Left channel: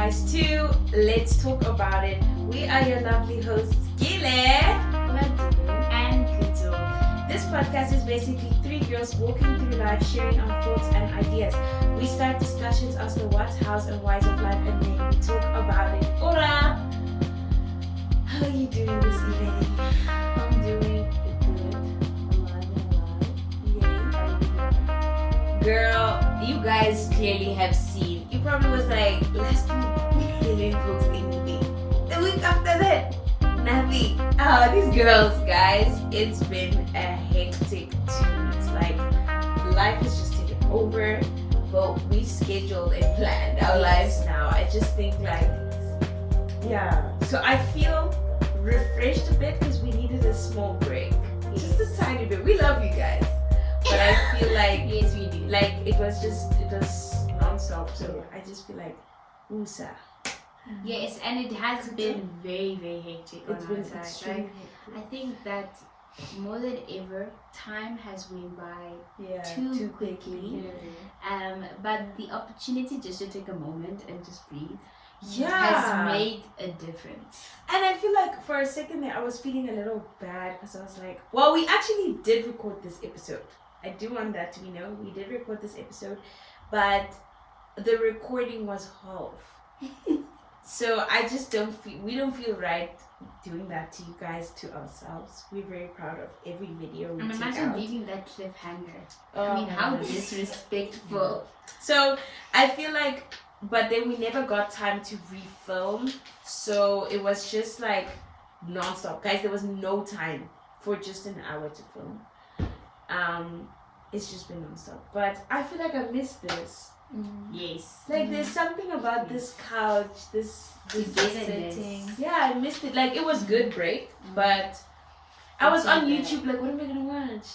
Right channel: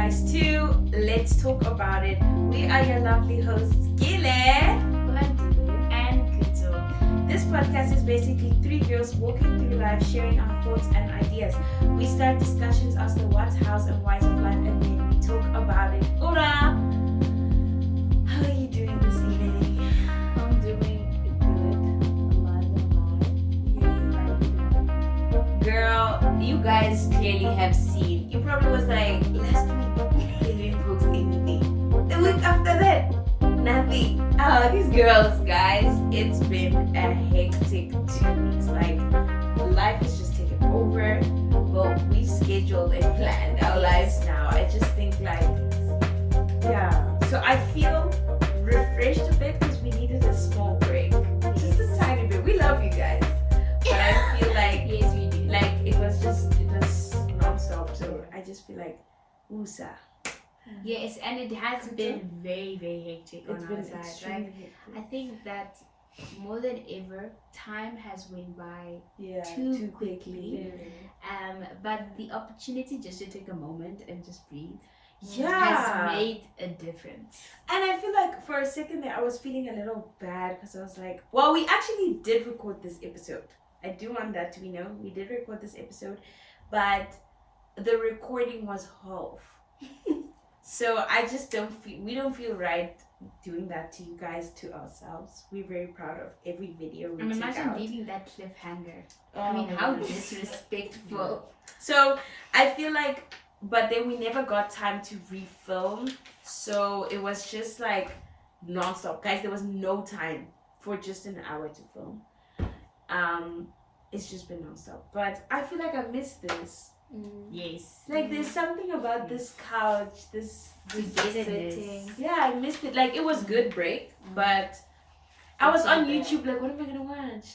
guys to Let's Talk About It. We are your lovely hosts, Gile and Kuto. This podcast is basically three girls walking through life, sharing our thoughts and ideas. We start discussions as to what's, hows, and whys of life, and then we talk about it. Ora! How are you doing this evening? I'm doing good. Girl, you guys clearly have seen. You probably was like, last week, they didn't post anything. The week after that, nothing. Oh, these girls, guys, it's been a hectic 2 weeks. Like, life has just taken over. But we've scheduled and planned our lives now. I just think, like, yeah. So I feel refreshed a bit because we needed a small break. Just a tiny bit. We love you guys. But I feel like, Yes, we do. like it was non-stop, so I just feel like USA. Yes, and it has been very, very hectic It's on been our side. extremely Right? I think that more than ever, time has went by too quickly. But the opportunity just to take a moment and just breathe Yeah. has made a difference. And I feel like for a second there I was feeling a little bad because I was like, well, we actually did record this episode. I do want that to be known. We did record this episode, but the recording was half. So I just we don't feel right doing that to you guys, to ourselves. We're very proud of every video we And take imagine out. leaving that cliffhanger. Oh I mean, my how goodness. disrespectful. So I feel like, but then we never got time to refilm. So it was just like non-stop. Guys, there was no time for just an hour to film. It's just been non-stop. But I feel like I missed this. Yes. Like there's something about this couch, this Togetherness. setting. Yeah, I missed it. Like it was good break, but I was on YouTube like, what am I gonna watch?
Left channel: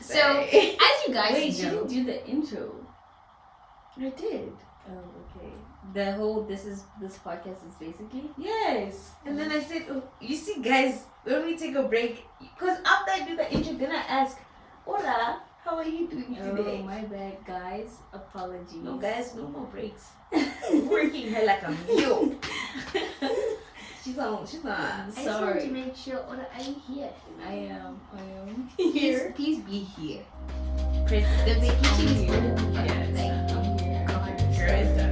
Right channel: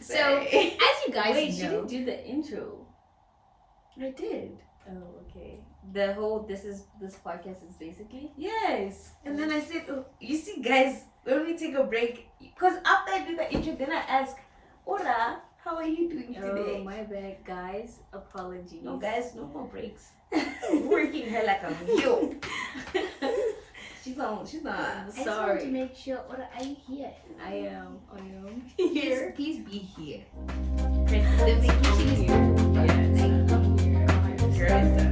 So, as you guys Wait, she know, didn't do the intro. I did. Oh, okay. The whole this podcast is basically. Yes. And then I said, oh, you see, guys, when we take a break, because after I do the intro, then I ask, Hola, how are you doing today? Oh, my bad, guys. Apologies. No, guys, no more breaks. Working her like a mule. she's on. I just want to Sorry. make sure, Oda, are you here? I am Please, please be here. The vacation is here. Yes. I'm here. Girl is done.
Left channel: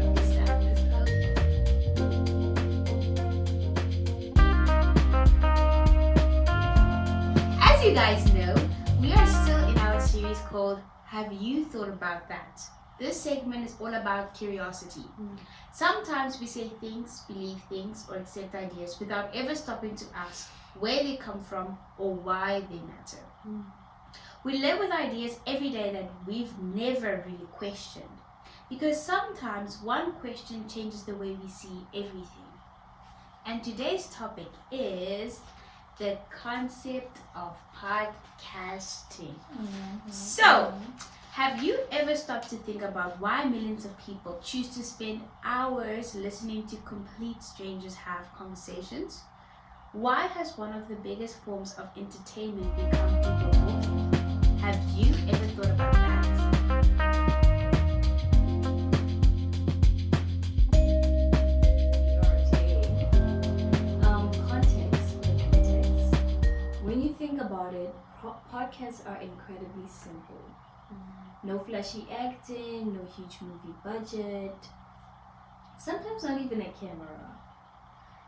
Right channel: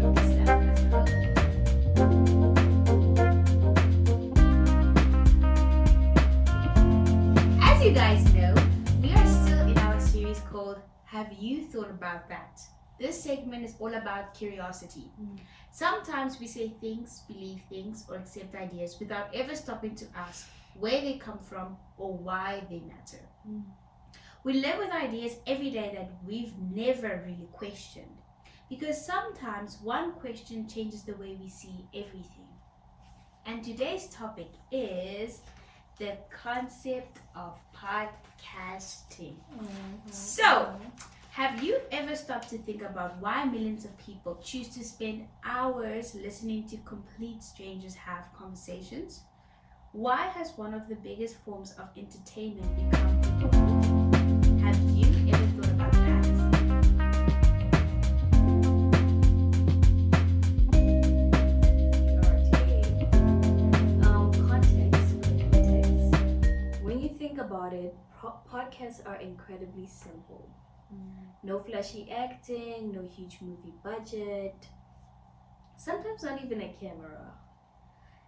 As you guys know, we are still in our series called Have You Thought About That? This segment is all about curiosity. Sometimes we say things, believe things, or accept ideas without ever stopping to ask where they come from or why they matter. We live with ideas every day that we've never really questioned, because sometimes one question changes the way we see everything. And today's topic is the concept of podcasting. So, have you ever stopped to think about why millions of people choose to spend hours listening to complete strangers have conversations? Why has one of the biggest forms of entertainment become people movie? Have you ever thought about that? Context. When you think about it, podcasts are incredibly simple. No flashy acting, no huge movie budget. Sometimes not even a camera.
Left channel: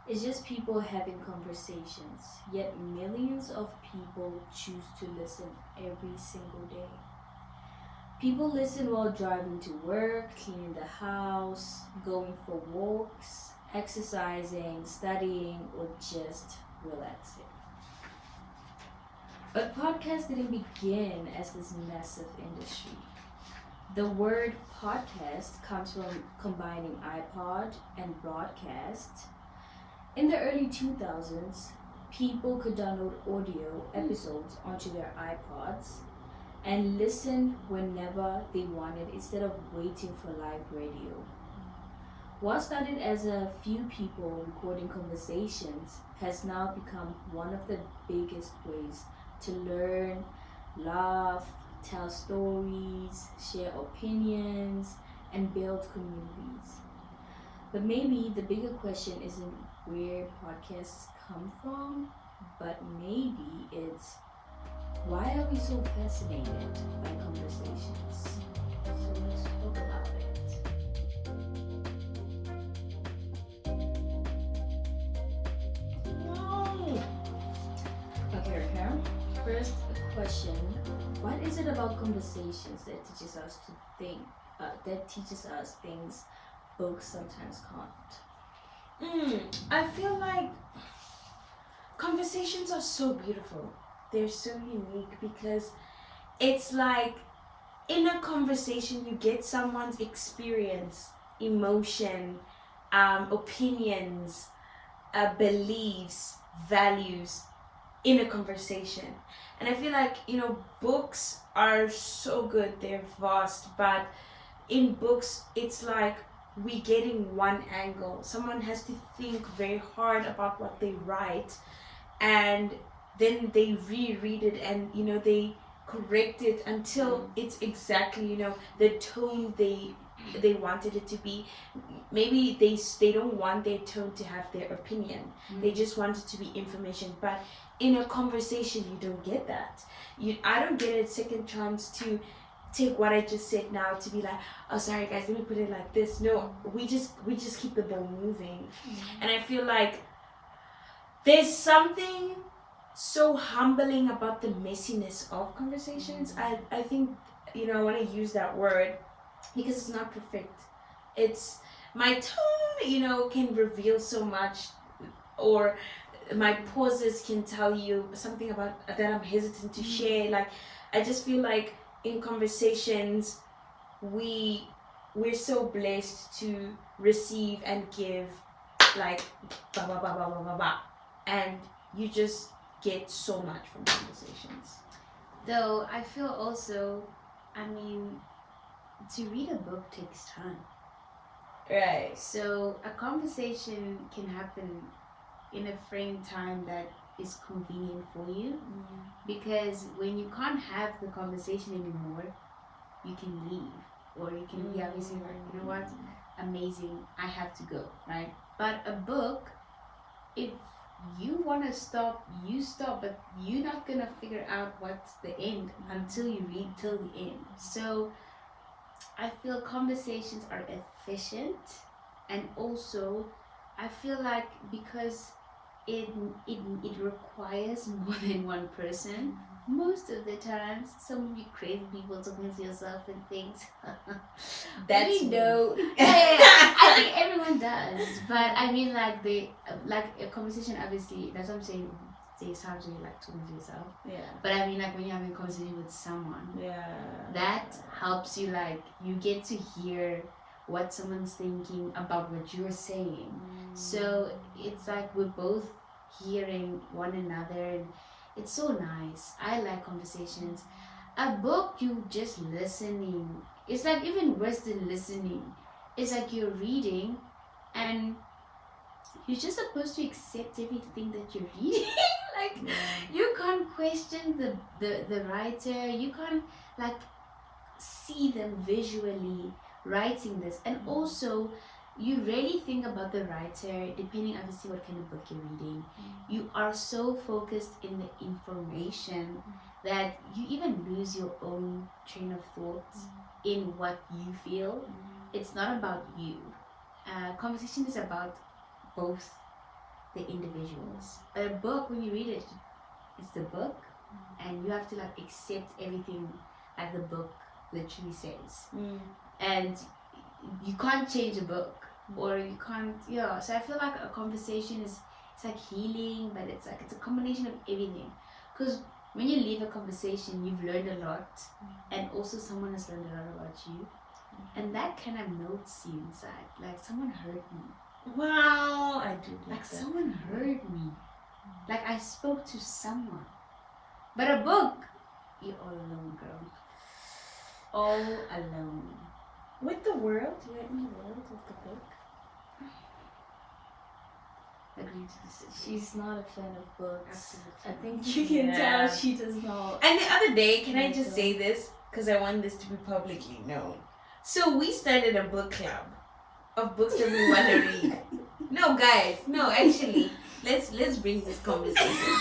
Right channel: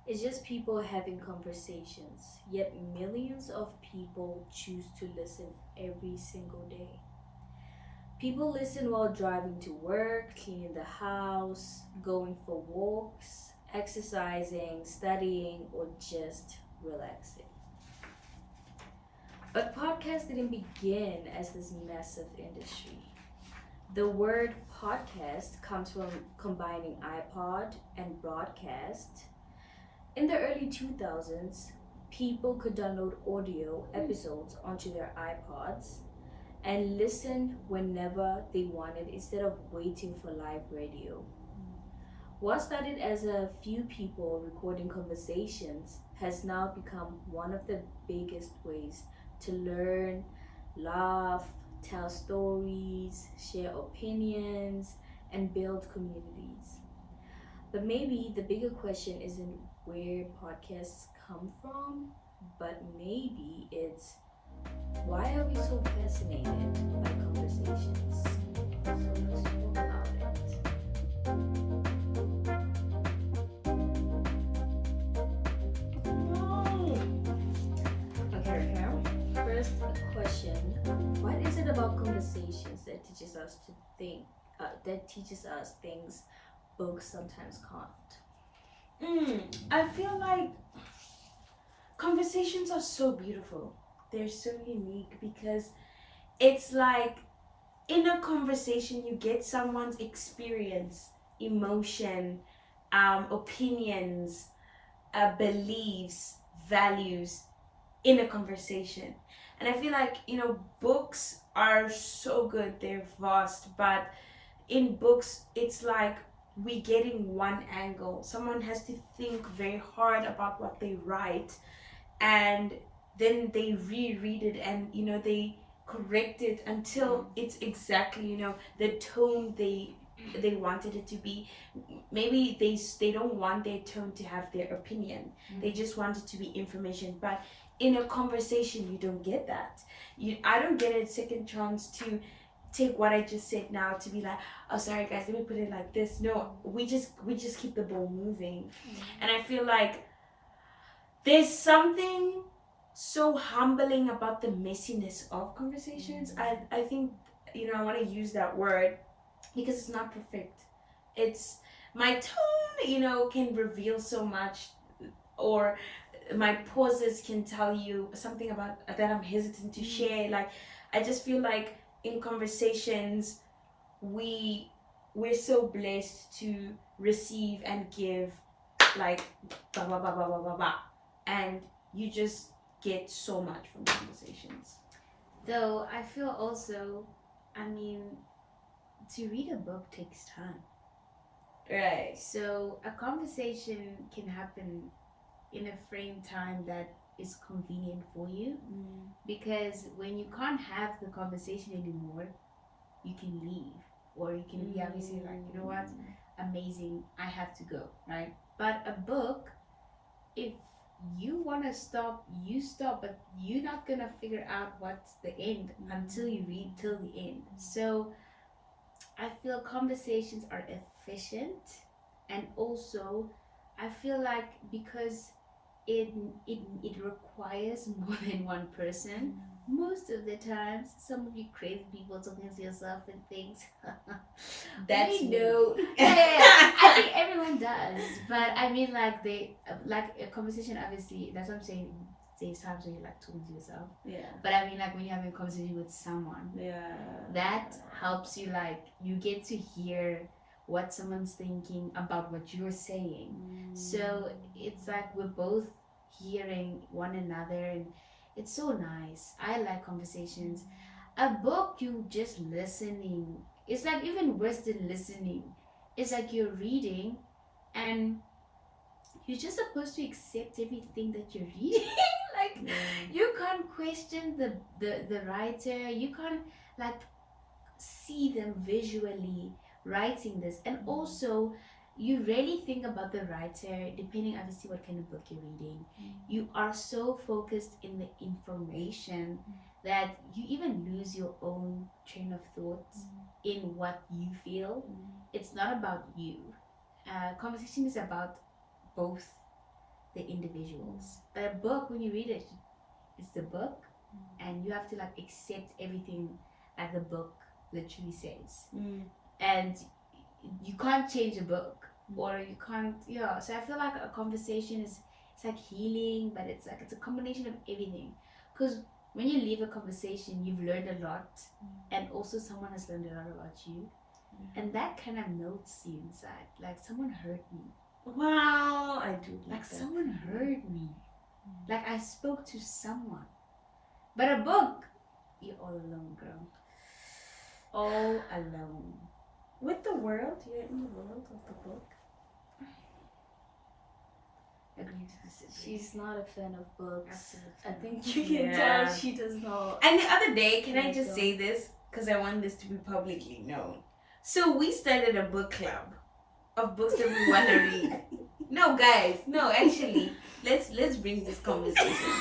It's just people having conversations. Yet millions of people choose to listen every single day. People listen while driving to work, cleaning the house, going for walks, exercising, studying, or just relaxing. But podcasts didn't begin as this massive industry. The word podcast comes from combining iPod and broadcast. In the early 2000s, people could download audio episodes onto their iPods and listen whenever they wanted instead of waiting for live radio. What started as a few people recording conversations has now become one of the biggest ways to learn, laugh, tell stories, share opinions, and build communities. But maybe the bigger question isn't where podcasts come from, but maybe it's why are we so fascinated by conversations? So let's talk about it. Okay, Raquel. First question: what is it about conversations that teaches us to think? That teaches us things books sometimes can't. I feel like conversations are so beautiful. They're so unique because it's like in a conversation you get someone's experience, emotion, opinions, beliefs, values in a conversation. And I feel like, books are so good, they're vast, but in books it's like we getting one angle. Someone has to think very hard about what they write, and then they reread it, and they correct it until it's exactly the tone they wanted it to be. Maybe they don't want their tone to have their opinion. They just want it to be information. But in a conversation you don't get that. I don't get a second chance to take what I just said now to be like, oh sorry guys, let me put it like this. No, we just keep the ball moving. And I feel like there's something so humbling about the messiness of conversations. I think I want to use that word because it's not perfect. It's my tone can reveal so much, or my pauses can tell you something about that I'm hesitant to share. Like I just feel like in conversations we're so blessed to receive and give, like ba ba ba ba ba ba ba, and you just get so much from conversations. Though I feel also, to read a book takes time. Right. So a conversation can happen in a frame time that is convenient for you, because when you can't have the conversation anymore, you can leave, or you can be obviously like, you know what, amazing, I have to go, right? But a book, if you want to stop, you stop, but you're not gonna figure out what's the end until you read till the end. So I feel conversations are efficient, and also I feel like because it requires more than one person. Most of the times, some of you crazy people talking to yourself and things. That's we me. know. Yeah, I think everyone does. But I mean, like a conversation. Obviously, that's what I'm saying. There's times when you like talking to yourself. Yeah. But I mean, like when you're having a conversation with someone, Yeah. that helps you. Like you get to hear what someone's thinking about what you're saying. So it's like we're both hearing one another, and it's so nice. I like conversations. A book, you just listening. It's like even worse than listening. It's like you're reading, and you're just supposed to accept everything that you're reading. Like you can't question the writer. You can't like see them visually writing this, and also you really think about the writer depending obviously what kind of book you're reading. You are so focused in the information that you even lose your own train of thoughts in what you feel. It's not about you. Conversation is about both the individuals. But a book, when you read it, it's the book, and you have to like accept everything that the book literally says. And you can't change a book, or you can't, so I feel like a conversation it's like healing, but it's a combination of everything, because when you leave a conversation you've learned a lot, and also someone has learned a lot about you, and that kind of melts you inside, like someone heard me. Wow, I do like that. Someone heard me, like I spoke to someone. But a book, you're all alone, girl, all alone. With the world, you're in the world of the book. agree to disagree. She's not a fan of books. Absolutely. I think you can Yeah. tell she does not. And the other day, can I Like, just say this? Because I want this to be publicly known. So we started a book club of books that we want to read. No, guys. No, actually, let's bring this conversation.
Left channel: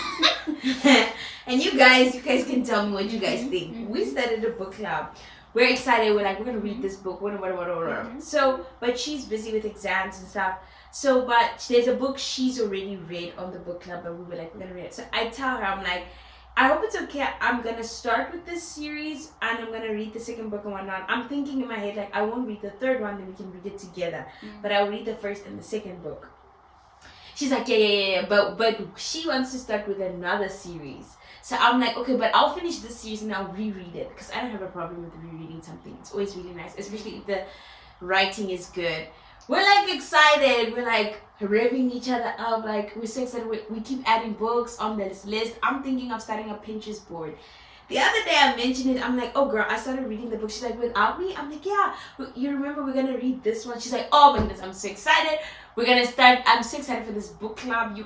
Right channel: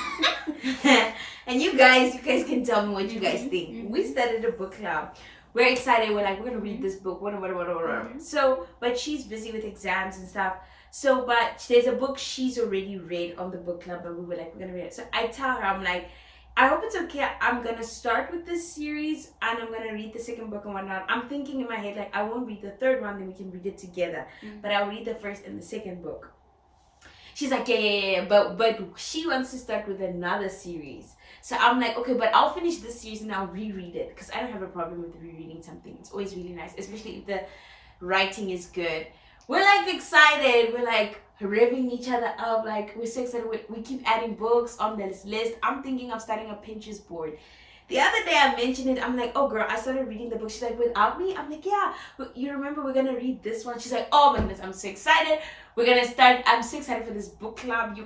And you guys can tell me what you guys think. We started a book club. We're excited. We're like, we're gonna read this book. Whatever. So, but she's busy with exams and stuff. So, but there's a book she's already read on the book club, and we were like, we're gonna read it. So I tell her, I'm like, I hope it's okay. I'm gonna start with this series, and I'm gonna read the second book and whatnot. I'm thinking in my head like, I won't read the third one, then we can read it together. But I'll read the first and the second book. She's like, yeah. But she wants to start with another series. So I'm like, okay, but I'll finish this series and I'll reread it because I don't have a problem with rereading something. It's always really nice, especially if the writing is good. We're like excited. We're like revving each other up. Like we're so excited. We keep adding books on this list. I'm thinking of starting a Pinterest board. The other day I mentioned it. I'm like, oh girl, I started reading the book. She's like, without me? I'm like, yeah. You remember we're gonna read this one? She's like, oh my goodness, I'm so excited. We're gonna start. I'm so excited for this book club.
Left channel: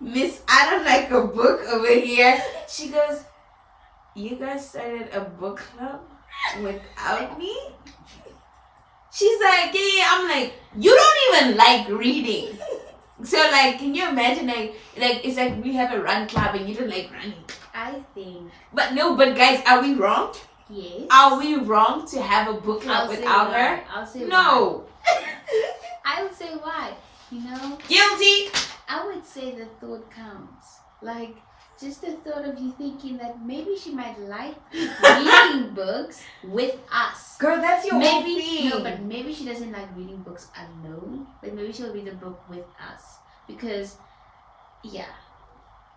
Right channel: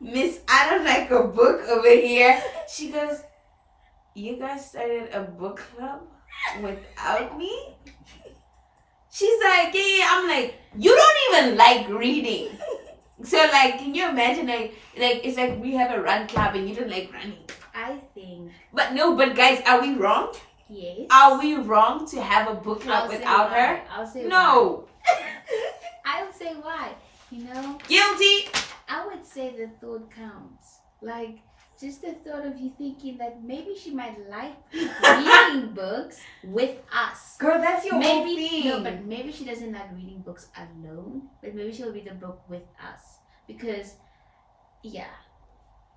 Miss, I don't like a book over here. She goes, you guys started a book club without me? She's like, yeah. I'm like, you don't even like reading. So like, can you imagine like it's like we have a run club and you don't like running. I think But guys, are we wrong? yes. Are we wrong to have a book club I'll say without why. her? I'll say No. why. I'll say why. You know, Guilty. I would say the thought counts. Like, just the thought of you thinking that maybe she might like reading books with us. Girl, that's your whole Maybe thing. no, but maybe she doesn't like reading books alone. But maybe she'll read the book with us because, yeah.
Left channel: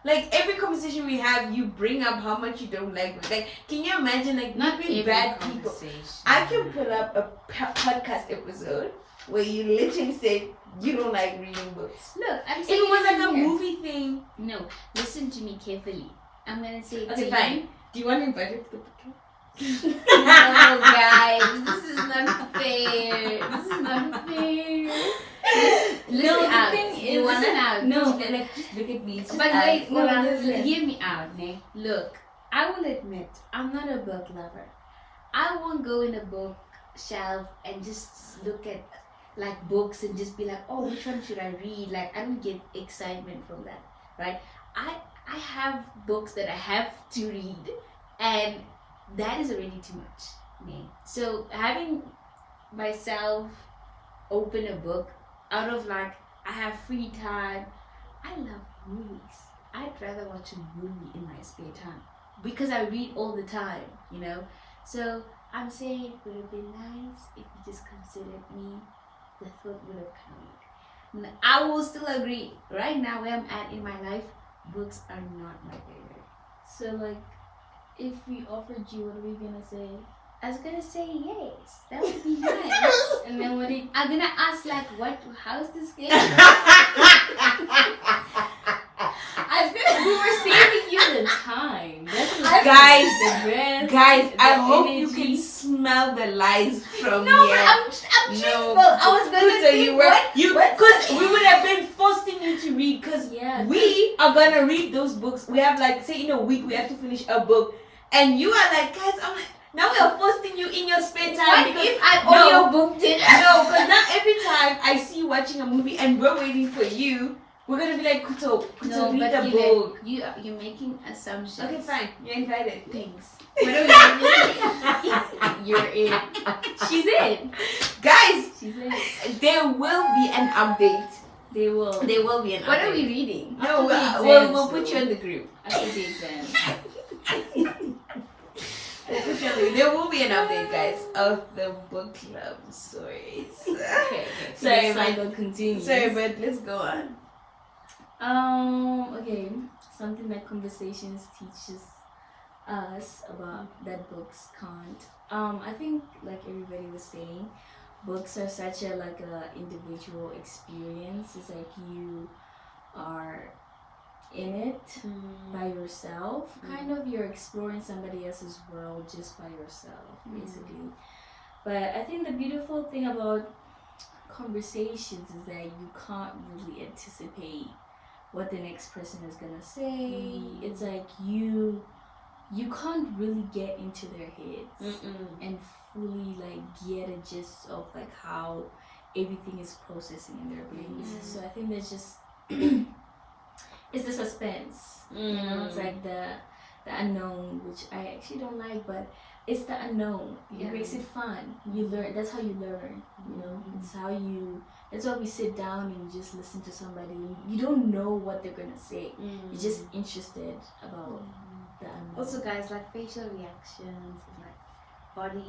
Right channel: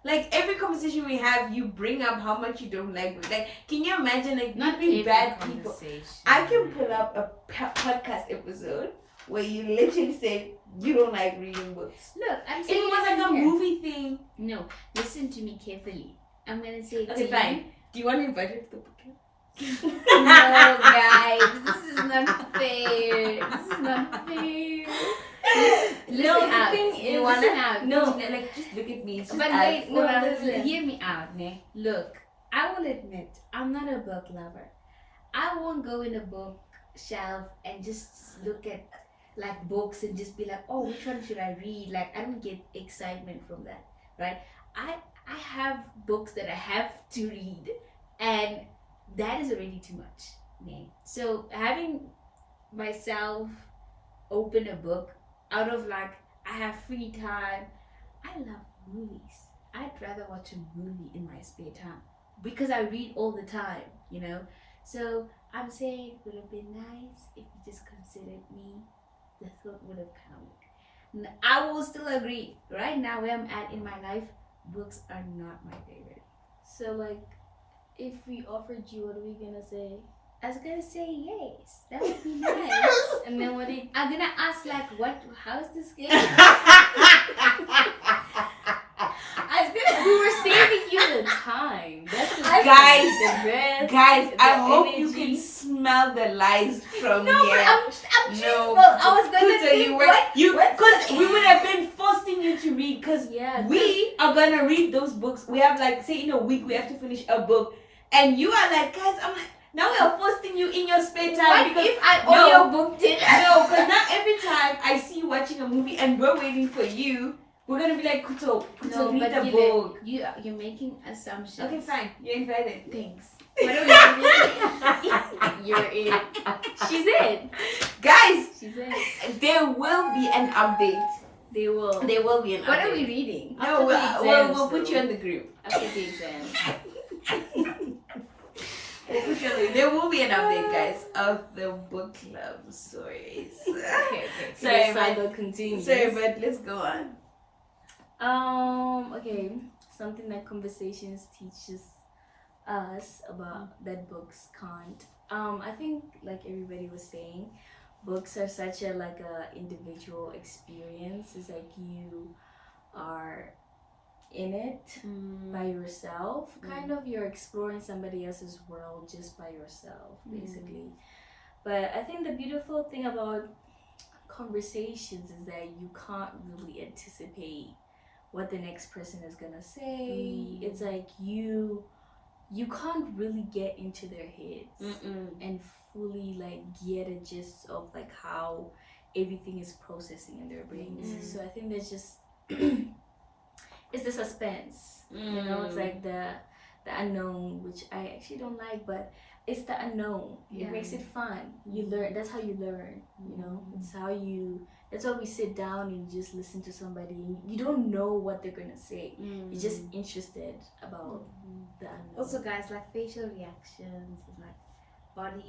Like every conversation we have, you bring up how much you don't like books. Like, can you imagine like Not we've been every bad people? conversation. I can pull up a podcast episode where you literally say you don't like reading books. Look, I'm If saying it was like a here. movie thing. No, listen to me carefully. I'm gonna say it Okay, to fine. you. Do you want to invite her to the podcast? No, guys, this is not fair. This is not fair. Listen No, the out. thing You is- wanna out? No. Like just look at me. It's just But us. wait, no, no, listen. hear me out, ne? Look, I will admit, I'm not a book lover. I won't go in a bookshelf and just look at like books and just be like, oh, which one should I read? Like, I don't get excitement from that, right? I have books that I have to read, and that is already too much, ne? So having myself open a book out of like I have free time. I love movies. I'd rather watch a movie in my spare time because I read all the time, you know. So I'm saying it would have been nice if you just considered me. The thought would have counted. I will still agree. Right now, where I'm at in my life, books are not my favorite. So like, if we offered you, what are we gonna say? I was gonna say yes. That would be nice. And then what do you? I'm gonna ask like, how's this game? I was gonna. We were saving you the time. That's the Guys, the dress, Guys, the I hope you energy. can smell the lies from No, here. but I'm No, truthful. I was gonna so think you were what? because we would have been forcing you to read because Yeah. we are gonna read those books. We have like say in a week we have to finish a book, and you are like, guys, I'm like, now we are forcing you in your spare time What because if I no. audiobooked it? no, because now every time I see you watching a movie and we're waiting for you, we're gonna be like, Kuto, No, read but the Gile, book. you're making assumptions. Okay, fine, you're invited. Thanks. You're in. She's in. Guys, She's in. there will be an update. They will. There will be an What update. are we reading? No, After the we'll exams, put you though. in the group. After the exam. We'll put you in the, there will be an update, guys, of the book club stories. Okay. Sorry, The but saga continues. let's go on. Okay. Something that conversations teaches us about that books can't. I think like everybody was saying, books are such a like a individual experience. It's like you are in it by yourself. Kind of you're exploring somebody else's world just by yourself, basically. But I think the beautiful thing about conversations is that you can't really anticipate what the next person is gonna say. It's like you can't really get into their heads and fully like get a gist of like how everything is processing in their brains. So I think there's just it's the suspense. You know, it's like the unknown, which I actually don't like, but it's the unknown. It makes it fun. You learn. That's how you learn. You know, it's how you. That's why we sit down and you just listen to somebody. And you don't know what they're gonna say. You're just interested about the unknown. Also, guys, like facial reactions and like body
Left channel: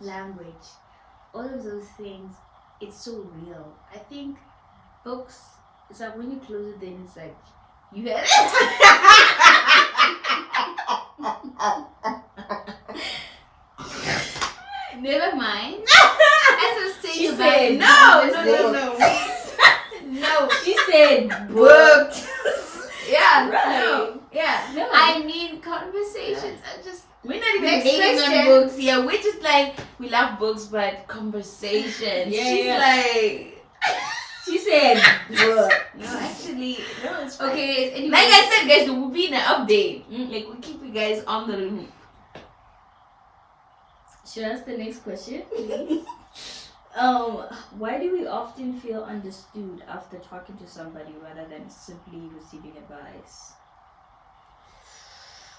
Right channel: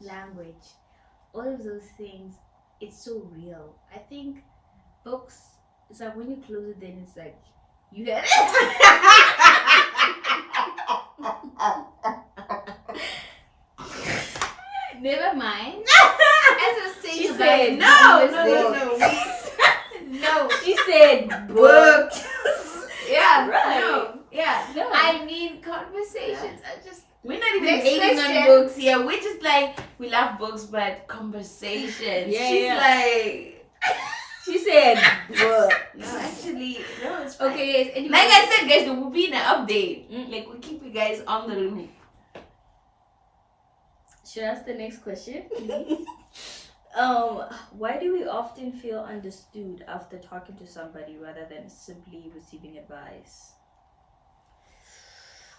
language, all of those things. It's so real. I think books. It's like when you close it, then it's like you had Never mind. As I was saying, She about said no. No, she said books. Yeah, Right. no. I mean, conversations are just. We're not even Next hating on question. books here. We're just like, we love books, but conversations. She's like, She said book. no, actually, no, it's fine. Okay, guys. Anyway, Like I said, guys, there will be an update. Like, we keep you guys on the loop. Should I ask the next question? Why do we often feel understood after talking to somebody rather than simply receiving advice?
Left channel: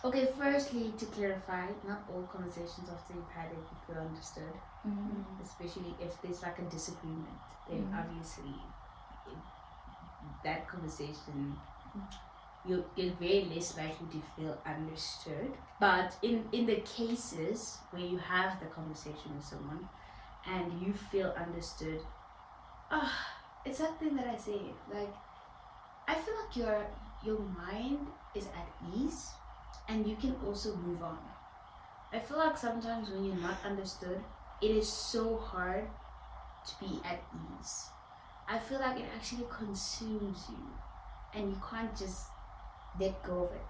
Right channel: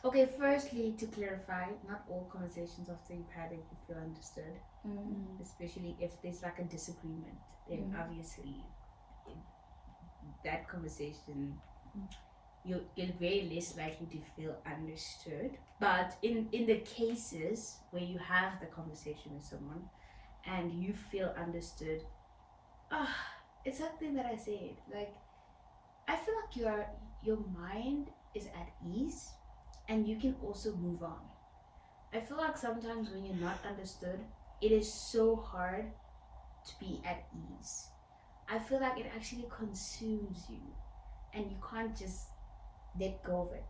Okay, firstly, to clarify, not all conversations after you've had it you feel understood. Especially if there's like a disagreement, then obviously that conversation you're very less likely to feel understood. But in the cases where you have the conversation with someone and you feel understood, it's something that I say, like, I feel like your mind is at ease and you can also move on. I feel like sometimes when you're not understood, it is so hard to be at ease. I feel like it actually consumes you and you can't just let go of it.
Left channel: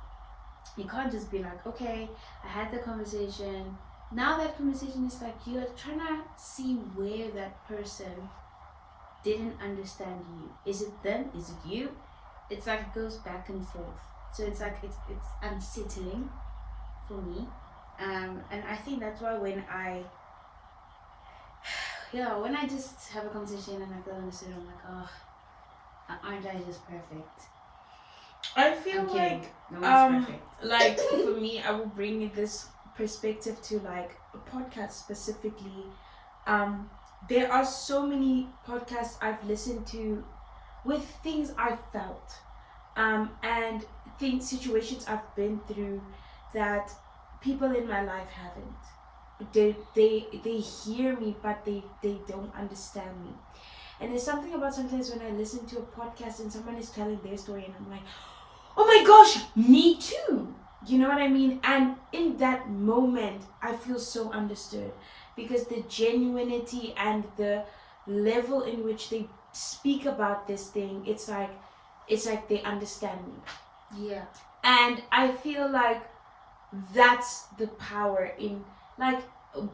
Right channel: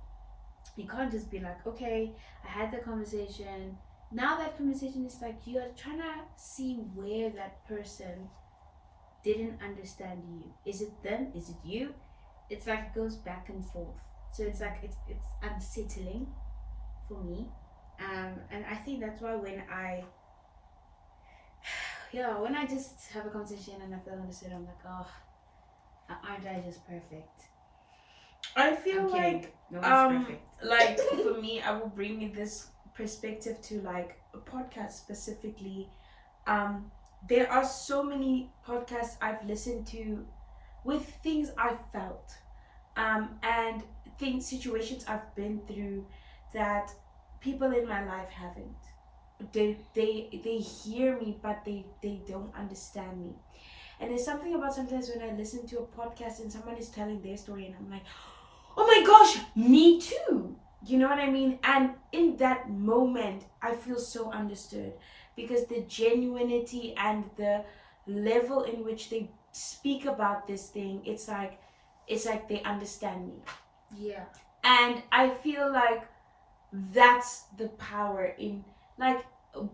You can't just be like, okay, I had the conversation. Now that conversation is like you're trying to see where that person didn't understand you. Is it them? Is it you? It's like it goes back and forth. So it's like it's unsettling for me. And I think that's why when I just have a conversation and I feel understood, I'm like, oh, aren't I just perfect? I feel I'm kidding. like, No one's perfect. like for me, I will bring this perspective to like a podcast specifically. There are so many podcasts I've listened to with things I've felt, and situations I've been through that people in my life haven't. They hear me, but they don't understand me. And there's something about sometimes when I listen to a podcast and someone is telling their story and I'm like, oh my gosh, me too. You know what I mean? And in that moment, I feel so understood because the genuinity and the level in which they speak about this thing, it's like they understand me. Yeah. And I feel like that's the power in, like,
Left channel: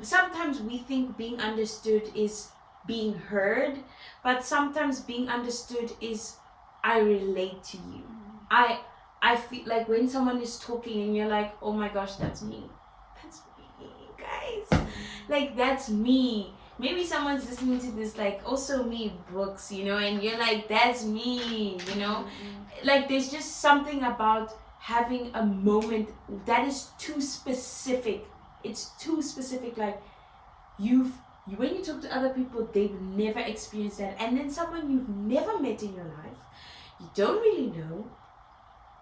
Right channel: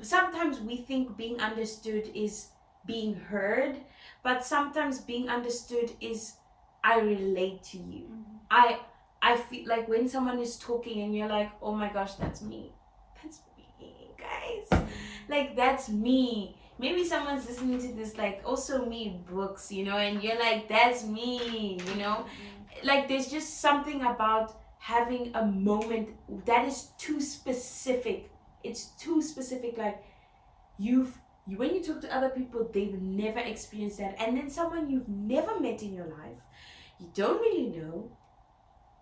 sometimes we think being understood is being heard, but sometimes being understood is I relate to you. I feel like when someone is talking and you're like, oh my gosh, that's me, guys, like that's me. Maybe someone's listening to this like, also me, books, you know, and you're like, that's me, you know. Like there's just something about having a moment that is too specific. It's too specific. Like when you talk to other people, they've never experienced that, and then someone you've never met in your life, you don't really know,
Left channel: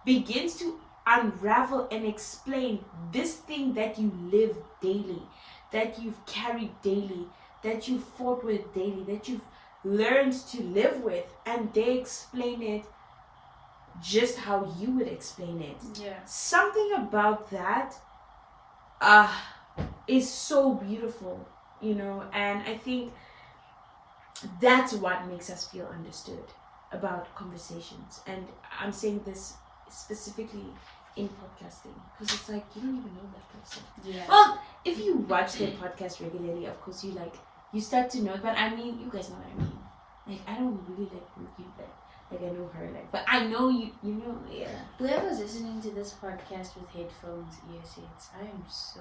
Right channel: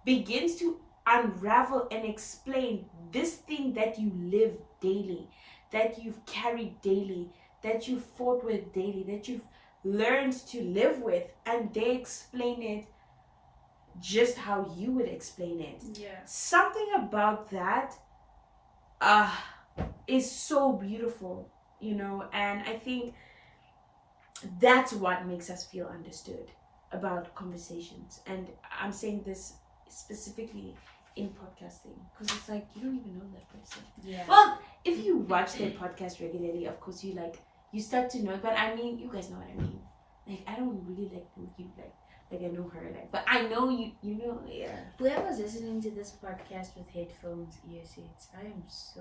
begins to unravel and explain this thing that you live daily, that you've carried daily, that you've fought with daily, that you've learned to live with, and they explain it just how you would explain it. Yeah. Something about that is so beautiful, you know, and I think that's what makes us feel understood about conversations. And I'm saying this specifically in podcasting because it's like you don't even know that person. Yeah. Well, if you watch their podcast regularly, of course you like you start to know. But I mean, you guys know what I mean. Like, I don't really like Pookie, like I know her, like, but I know you know, yeah. Whoever's listening to this podcast with headphones, earbuds, I am so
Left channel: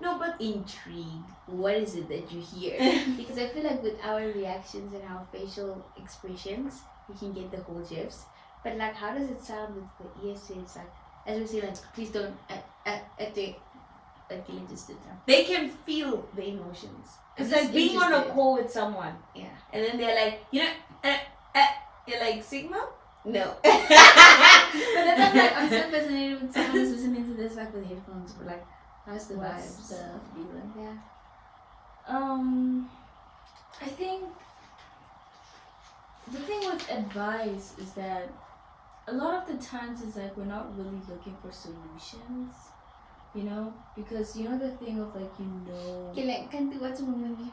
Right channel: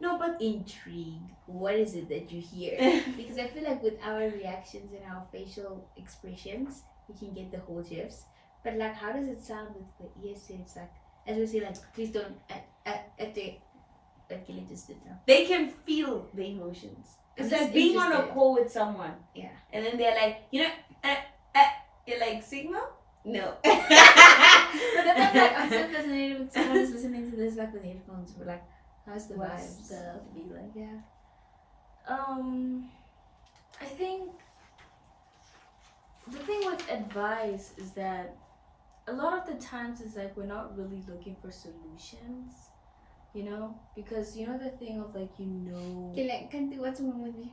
No, but intrigued. What is it that you hear? Because I feel like with our reactions and our facial expressions, we can get the whole gifs. But like, how does it sound with the earbuds? Like, as we say, like, please don't like just sit down. they can feel the emotions. It's I'm like just being on a interested. call with someone, Yeah. and then they're like, you know, you're like, Sigma? No. But then I'm so fascinated with someone who's listening to this like with headphones. But like, how's the What's vibes? the feeling? Yeah. I think the thing with advice is that a lot of the times it's like we're not really looking for solutions, you know, because you know the thing of like, you know, Okay, like, can't do what's wrong with you?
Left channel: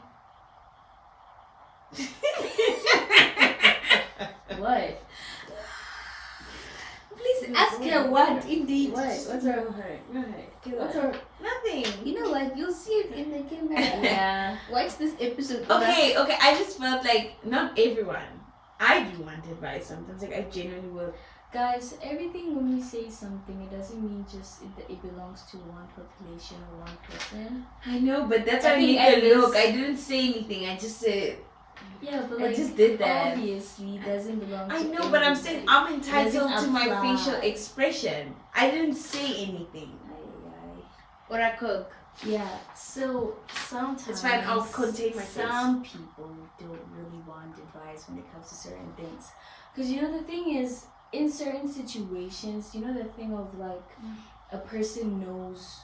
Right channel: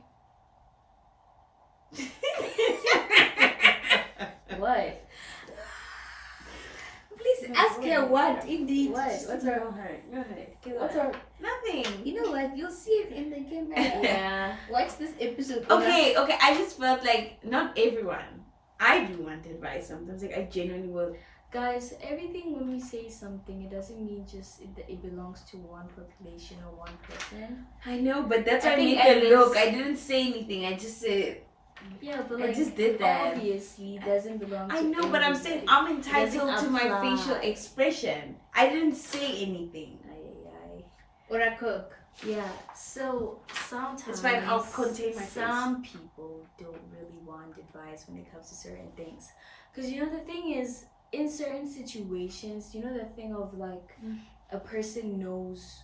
what? Please ask her what indeed. What's Go wrong? ahead. Go ahead. Go What's ahead. wrong? Nothing. You know what? You'll see it in the camera. Yeah. Watch this episode. Okay. I just felt like not everyone. I do want advice sometimes. Like, I genuinely will. Guys, everything when we say something, it doesn't mean just it belongs to one population or one person. I know, but that's why I I think made at the look. least- I didn't say anything. I just said. Yeah, but I like, just did that. obviously, it doesn't belong to I know, but I'm saying I'm entitled doesn't to my apply. facial expression. I didn't say anything. Or a coke. Yeah, so sometimes It's fine, I'll contain my face. some people don't really want advice when it comes to certain things. Because you know, the thing is, in certain situations, you know, the thing of like, a person knows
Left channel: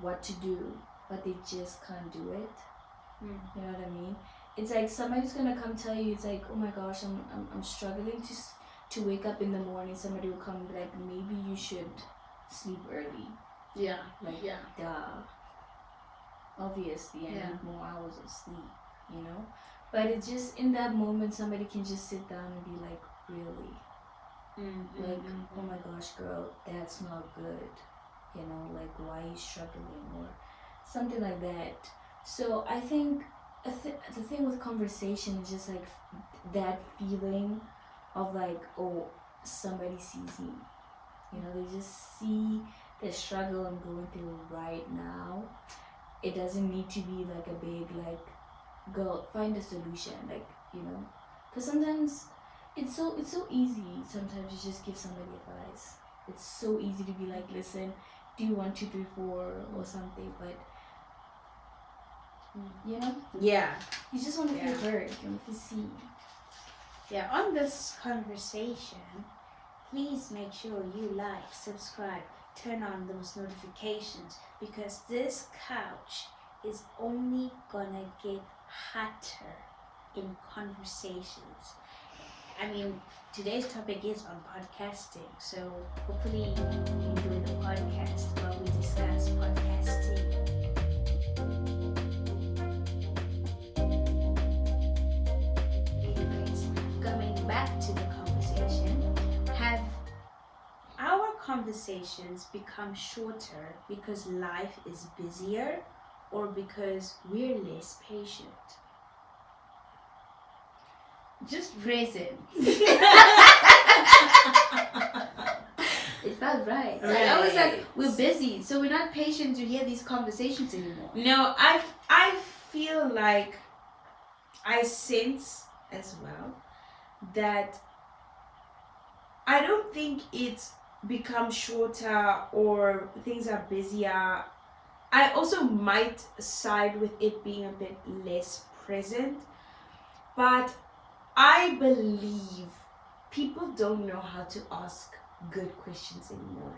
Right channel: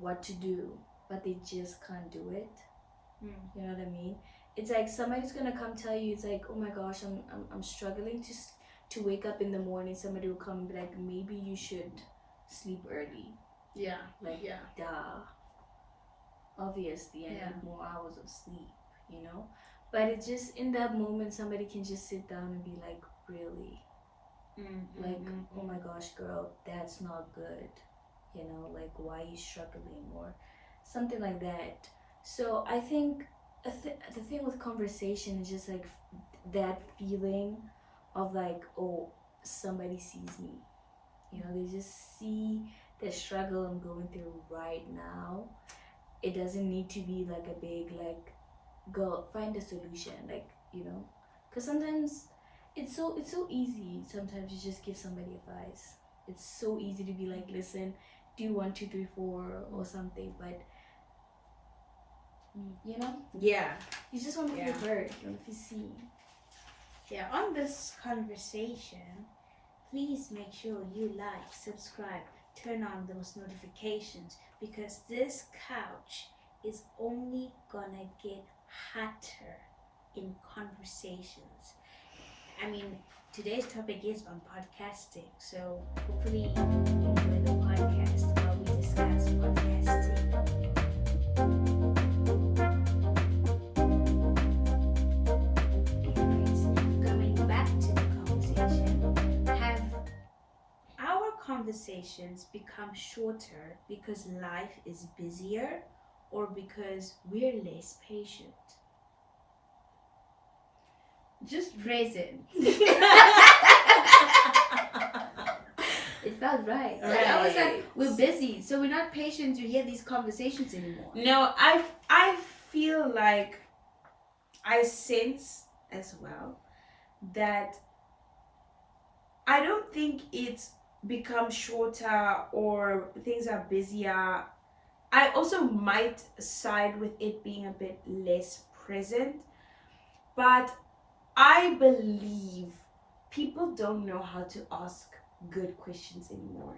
what to do, but they just can't do it. You know what I mean? It's like somebody's gonna come tell you, it's like, oh my gosh, I'm struggling to wake up in the morning. Somebody will come and be like, maybe you should sleep early. Yeah. Like, Yeah. duh. Obviously, I Yeah. need more hours of sleep, you know? But it's just in that moment, somebody can just sit down and be like, really? Like, oh my gosh, girl, that's not good. You know, like, why are you struggling? Or something like that. So I think the thing with conversation is just like that feeling of like, oh, somebody sees me. You know, they just see the struggle I'm going through right now. It doesn't need to be like a big, like, go find a solution, like, you know, because sometimes it's so easy. Sometimes you just give somebody advice. It's so easy to be like, listen, do 1, 2, 3, 4 or something, but you know, Yeah. you just want to Yeah. feel heard. You want to see. Yeah. On this conversation, please make sure you like, subscribe, turn on those notifications, because this couch is only gonna get hotter in conversations. I mean, today's topic is on podcasting, so hopefully you enjoy the podcast where we discuss podcasting. Anyways, coming back to the conversation, have our conversations become shorter because life is busier or because we're less patient? Just present. It felt right. Like, I was like, Right. we're busy, so we're not patient to hear these conversations anymore. No, I feel like I sense as well that I don't think it's become shorter or things are busier. I also might side with it being a bit less present, but I believe people don't know how to ask good questions anymore.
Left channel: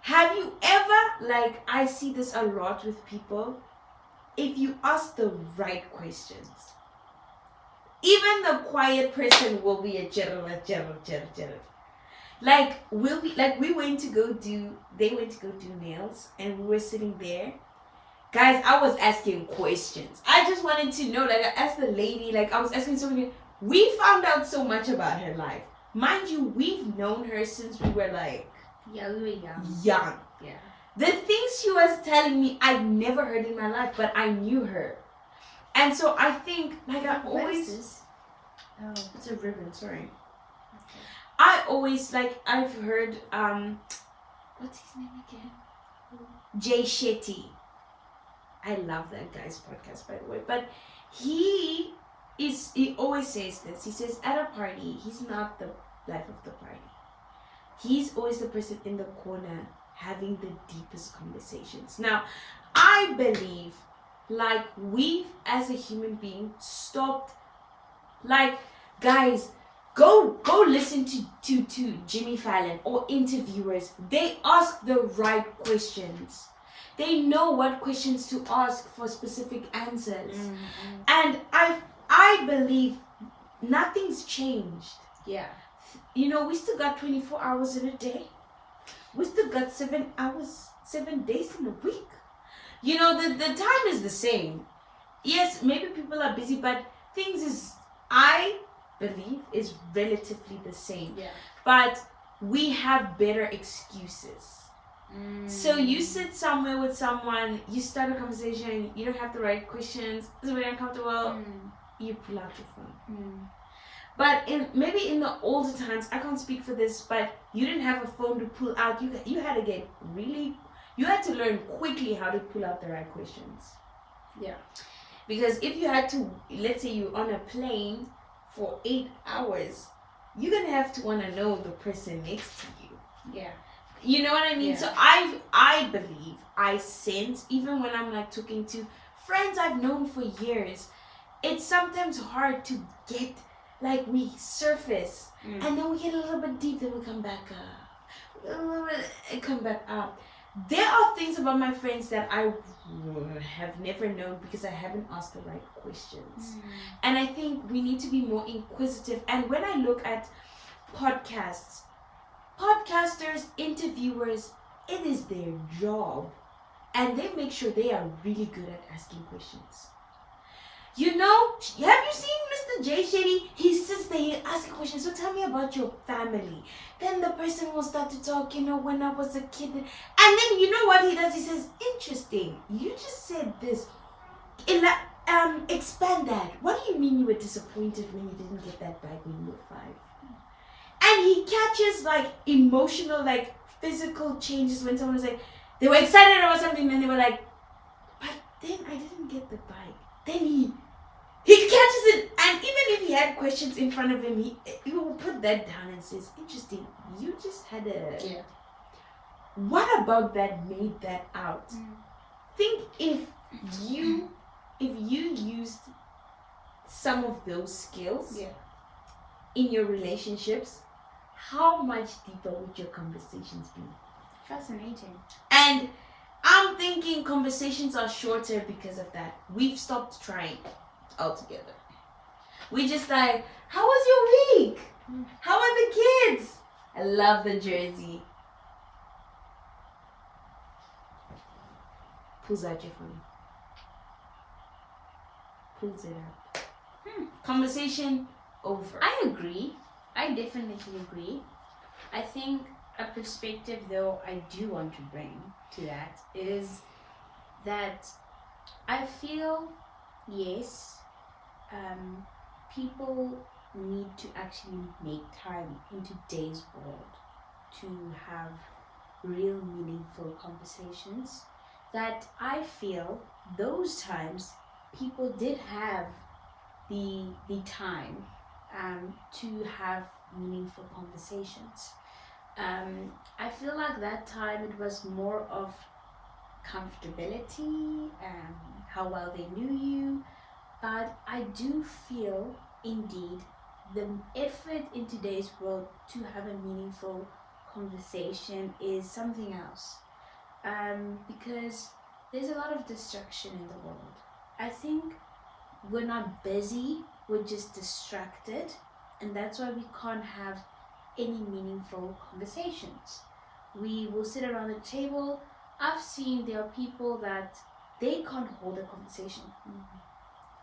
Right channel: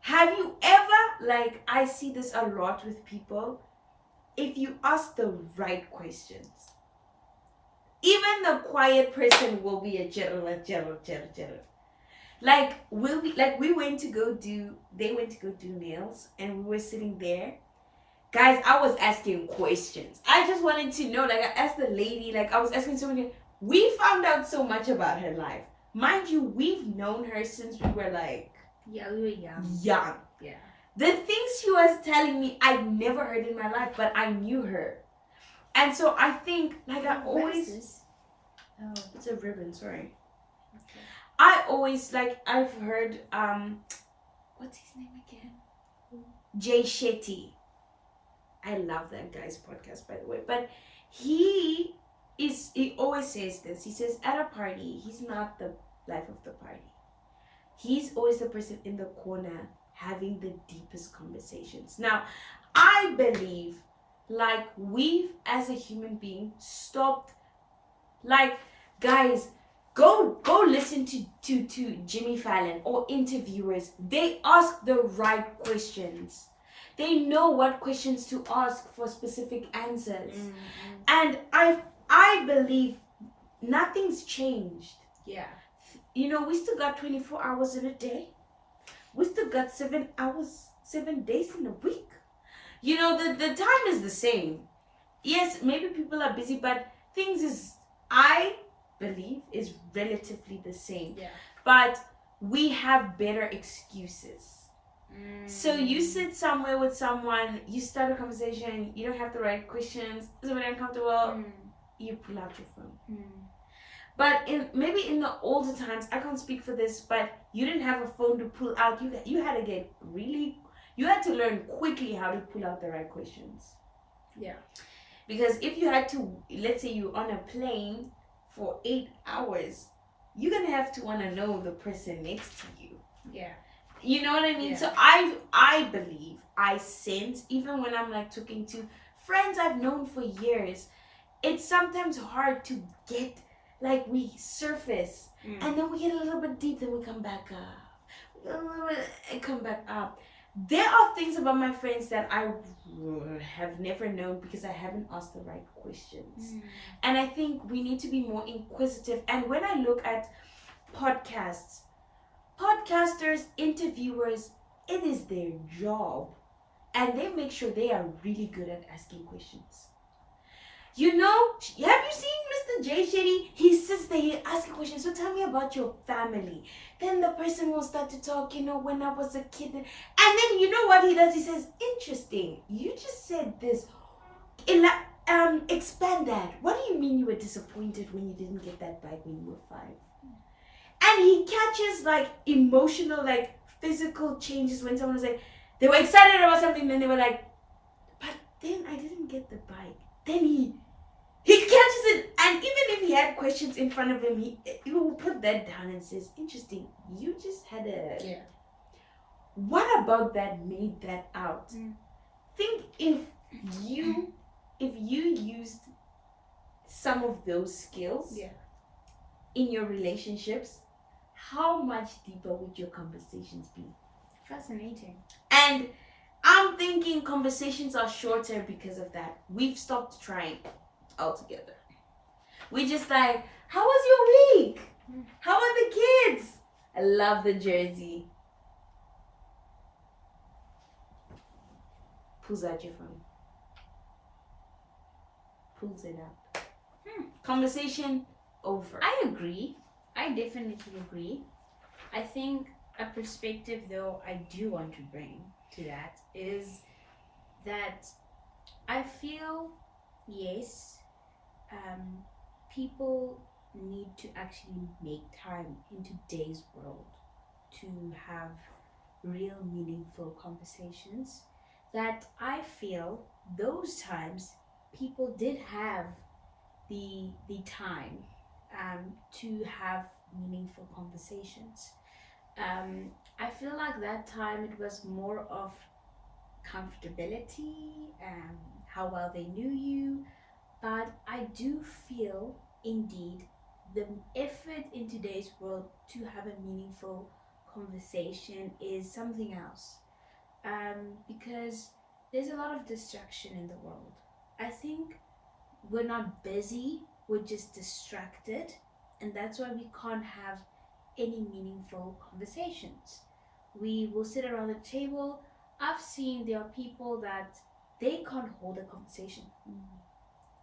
Have you ever, like, I see this a lot with people, if you ask the right questions, even the quiet person will be a general. Like, we went to go do, they went to go do nails, and we were sitting there. Guys, I was asking questions. I just wanted to know, like, I asked the lady, like, I was asking so many. We found out so much about her life. Mind you, we've known her since we were, like, Yeah, we were young. young. Yeah. The things she was telling me, I'd never heard in my life, but I knew her. And so I think, like, I What is always, this? Oh, it's a ribbon, sorry. okay. I always, like, I've heard, what's his name again? Jay Shetty. I love that guy's podcast, by the way. But he always says this. He says at a party, he's not the life of the party. He's always the person in the corner having the deepest conversations. Now, I believe, like, we've, as a human being, stopped, like, guys, go listen to Jimmy Fallon or interviewers. They ask the right questions. They know what questions to ask for specific answers. And I believe nothing's changed. Yeah. You know, we still got 24 hours in a day. We still got 7 days in a week. You know, the time is the same. Yes, maybe people are busy, but things is, I believe, is relatively the same. Yeah. But we have better excuses. So you sit somewhere with someone, you start a conversation, you don't have the right questions, it's very uncomfortable, you pull out your phone. But maybe in the older times, I can't speak for this, but you didn't have a phone to pull out. You had to learn quickly how to pull out the right questions. Yeah. Because if you had to, let's say you're on a plane for 8 hours, you're gonna have to want to know the person next to you. Yeah. You know what I mean? Yeah. So I believe, I sense, even when I'm like talking to friends I've known for years, it's sometimes hard to get, like, we surface and then we get a little bit deep, then we come back up. A little bit, and come back up. There are things about my friends that I have never known because I haven't asked the right questions. And I think we need to be more inquisitive. And when I look at podcasters, interviewers, it is their job. And they make sure they are really good at asking questions. You know, have you seen Mr. Jay Shetty? He sits there, he asks questions. So tell me about your family. Then the person will start to talk, you know, when I was a kid. And then you know what he does? He says, interesting. You just said this. Expand that. What do you mean you were disappointed when you didn't get that bike when you were 5? And he catches, like, emotional, like, physical changes when someone was like, they were excited about something, and they were like, but then I didn't get the bike. Then he catches it, and even if he had questions in front of him, he will put that down and says, interesting, you just had a... Yeah. What about that made that out? Think if you used some of those skills in your relationships, how much deeper would your conversations be? Fascinating. And I'm thinking conversations are shorter because of that. We've stopped trying altogether. We just like, how was your week? How are the kids? I love the jersey. Pulls out your phone. Pulls it out. Conversation over. I agree. I definitely agree. I think a perspective, though, I do want to bring to that is that I feel, yes, people need to actually make time in today's world to have real meaningful conversations. That I feel those times people did have the time to have meaningful conversations. I feel like that time it was more of comfortability and how well they knew you, but I do feel indeed the effort in today's world to have a meaningful conversation is something else, because there's a lot of distraction in the world. I think we're not busy, we're just distracted, and that's why we can't have any meaningful conversations. We will sit around the table. I've seen there are people that they can't hold a conversation.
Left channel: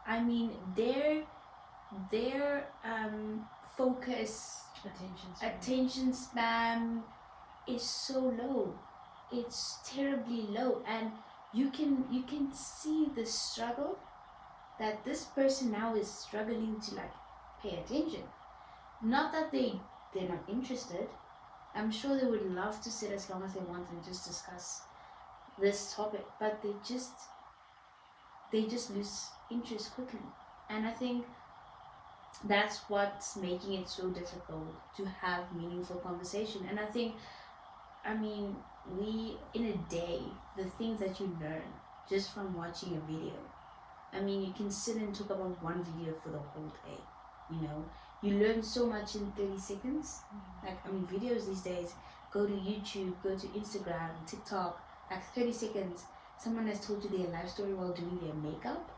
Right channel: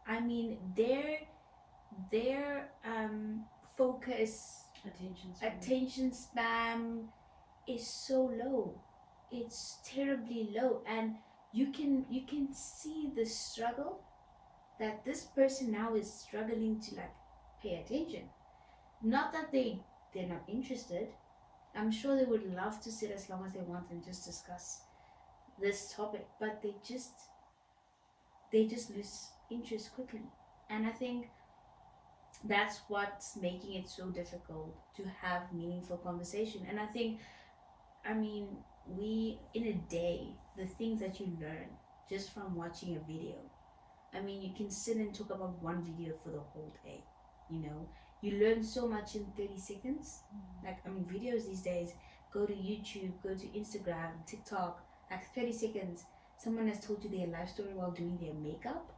I mean, their focus, attention span is so low. It's terribly low, and you can see the struggle that this person now is struggling to like pay attention. Not that they're not interested. I'm sure they would love to sit as long as they want and just discuss this topic, but they just lose interest quickly. And I think that's what's making it so difficult to have meaningful conversation. And I mean, we in a day, the things that you learn just from watching a video. I mean, you can sit and talk about one video for the whole day. You know, you learn so much in 30 seconds. Like, I mean, videos these days, go to YouTube, go to Instagram, TikTok, like 30 seconds. Someone has told you their life story while doing their makeup.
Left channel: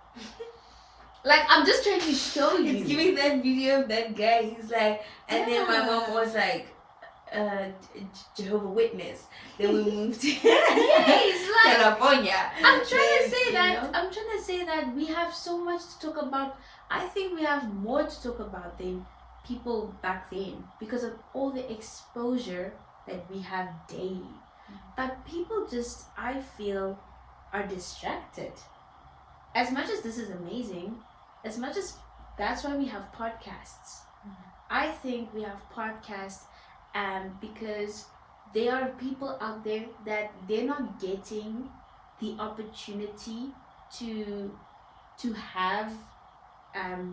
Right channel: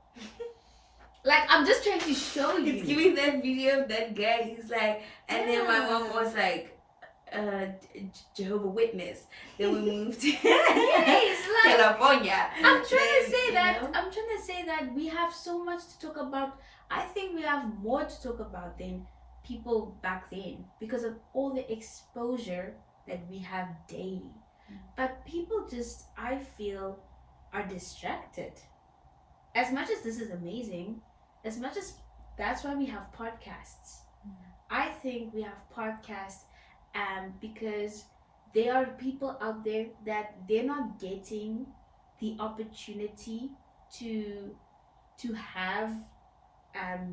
Like, I'm just trying to show you. It's giving that video of that guy. He's like, and then my mom was like, Jehovah Witness. Then we moved to It's like, California. I'm trying to Then, say you that. know? I'm trying to say that we have so much to talk about. I think we have more to talk about than people back then because of all the exposure that we have daily. But people just, I feel, are distracted. As much as this is amazing, as much as that's why we have podcasts. I think we have podcasts because there are people out there that they're not getting the opportunity to have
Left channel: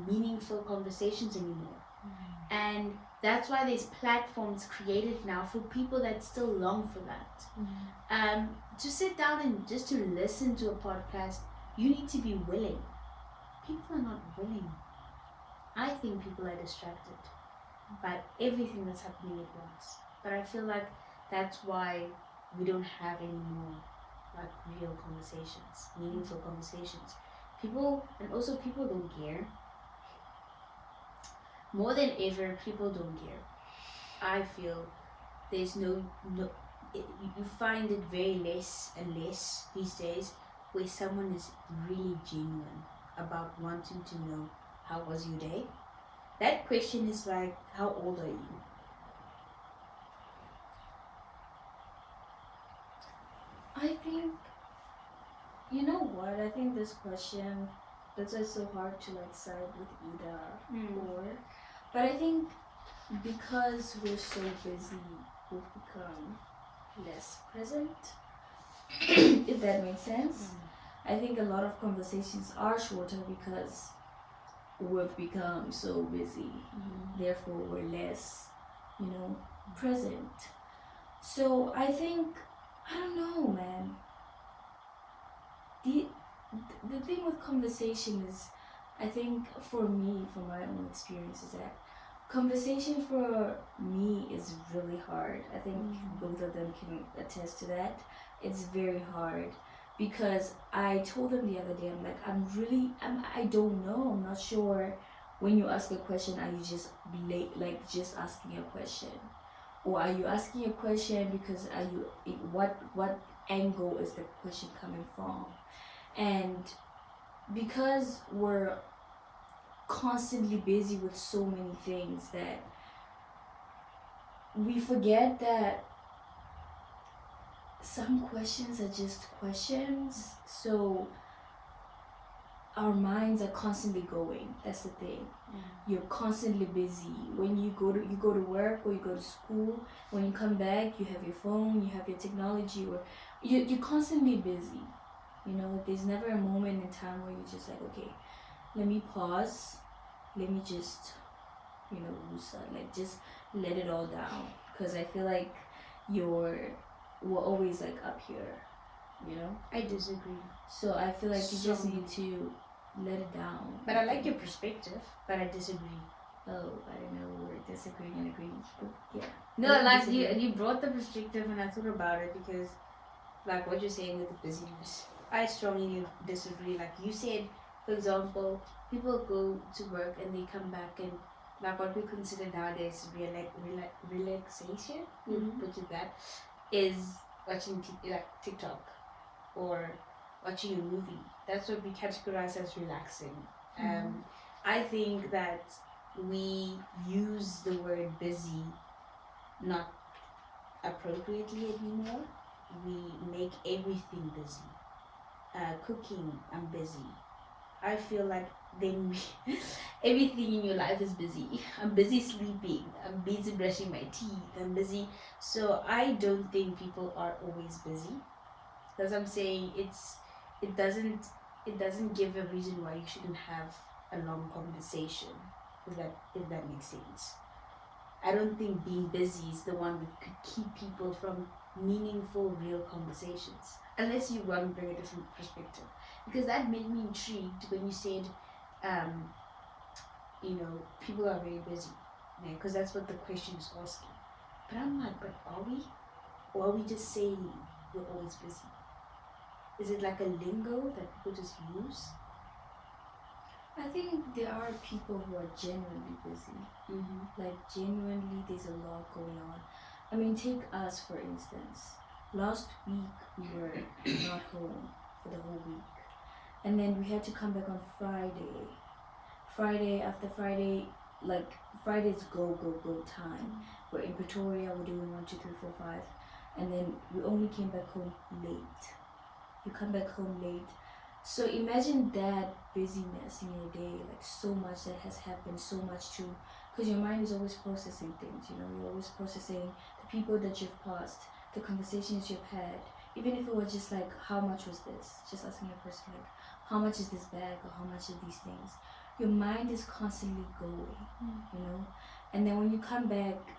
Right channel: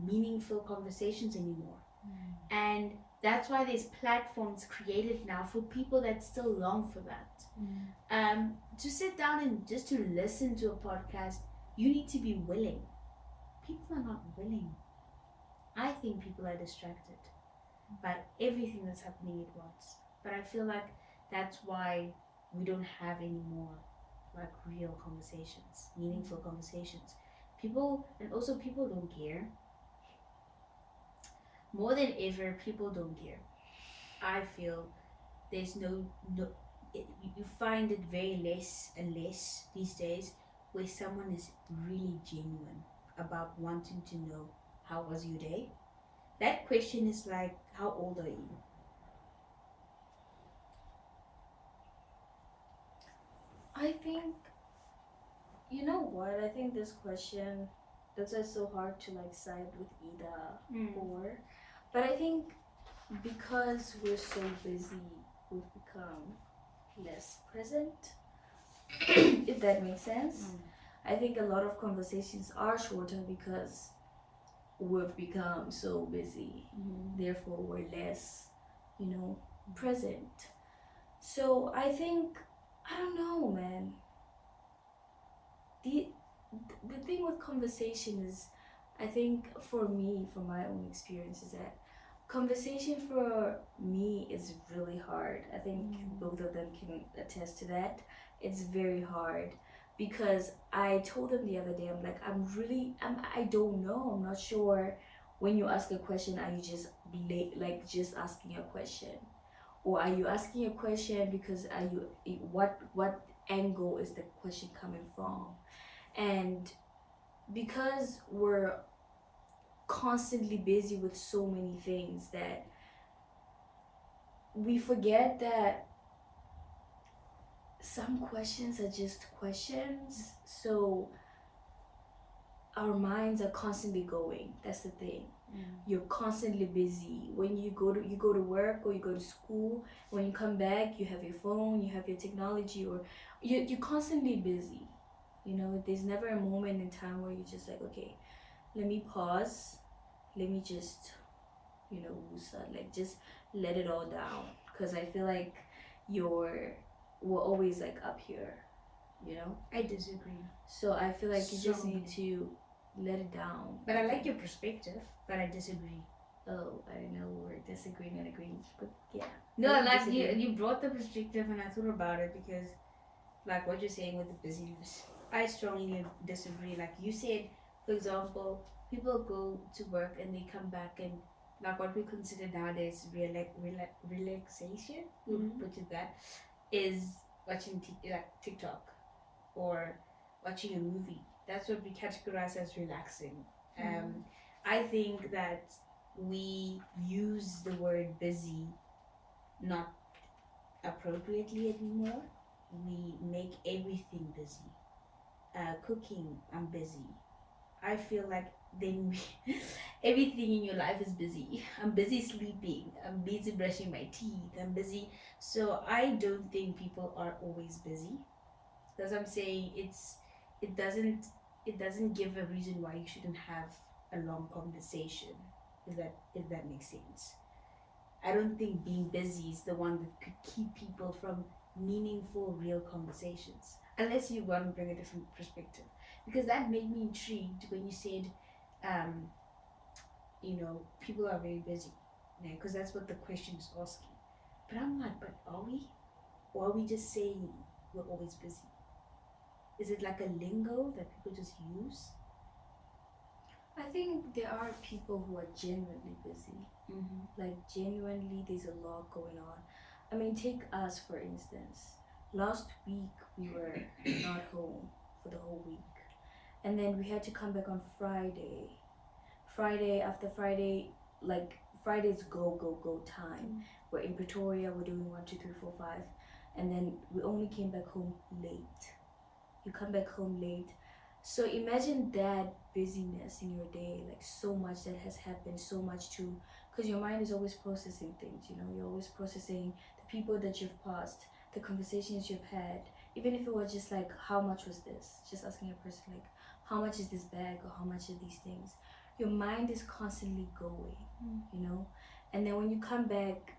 meaningful conversations anymore. And that's why there's platforms created now for people that still long for that. To sit down and just to listen to a podcast, you need to be willing. People are not willing. I think people are distracted by everything that's happening at once. But I feel like that's why we don't have any more like real conversations, meaningful conversations. People don't care. More than ever, people don't care. I feel there's you find it very less and less these days where someone is really genuine about wanting to know how was your day. That question is like, how old are you? I think, you know what? I think this question, that's why it's so hard to like side with either or. But I think because we're so busy, we've become less present, if that makes sense. I think a lot of conversations are shorter because we've become so busy. Therefore, we're less, present. So I think, I don't know, man. The thing with conversation is, I think for me, from my own experience, is that conversation for me is really hard. I think both of them can attest to that. It's very hard because I told them the other day, I'm like, I don't know. I'm not sure. When you ask a question, are you just just asking a question? Or are you asking a question because what angle is the question coming from? And because we're constantly busy with so many things that we forget that some questions are just questions. So our minds are constantly going. That's the thing. You're constantly busy. When you go to work or you go to school, when you come back, you have your phone, you have your technology, or you're constantly busy. There's never a moment in time where you're just like, okay, let me pause, let me just just let it all down, because I feel like we're always like up here. I disagree. So I feel like you just need to let it down. But I like your perspective, but I disagree. Oh, I don't know, we're disagreeing and agreeing, but yeah. No, I like disagree. you brought the perspective and I thought about it because like what you're saying with the busyness, I strongly disagree. Like you said, for example, people go to work and they come back and like what we consider nowadays relaxation, which is that, is watching TikTok or watching a movie. That's what we categorize as relaxing. I think that we use the word busy not appropriately anymore. We make everything busy. Cooking, I'm busy. I feel like then everything in your life is busy. I'm busy sleeping. I'm busy brushing my teeth. I'm busy. So I don't think people are always busy. As I'm saying, it doesn't it doesn't give a reason why you shouldn't have a long conversation. If that makes sense. I don't think being busy is the one that could keep people from meaningful, real conversations. Unless you want to bring a different perspective. Because that made me intrigued when you said, um, people are very busy. Because that's what the question is asking. But I'm like, but are we? Or are we just saying we're always busy? Is it like a lingo that people just use? I think there are people who are genuinely busy. Mm-hmm. Like, genuinely, there's a lot going on. I mean, take us for instance. Last week, we were not home for the whole week. And then we had to come back on Friday. After Friday, like, Friday's go time. We're in Pretoria, we're doing 1, 2, 3, 4, 5. And then we only came back home late. You come back home late. So imagine that busyness in your day, like so much that has happened, so much too, because your mind is always processing things, you're always processing the people that you've passed, the conversations you've had, even if it was just like, how much was this? Just asking a person like, how much is this bag or how much are these things? Your mind is constantly going, and then when you come back,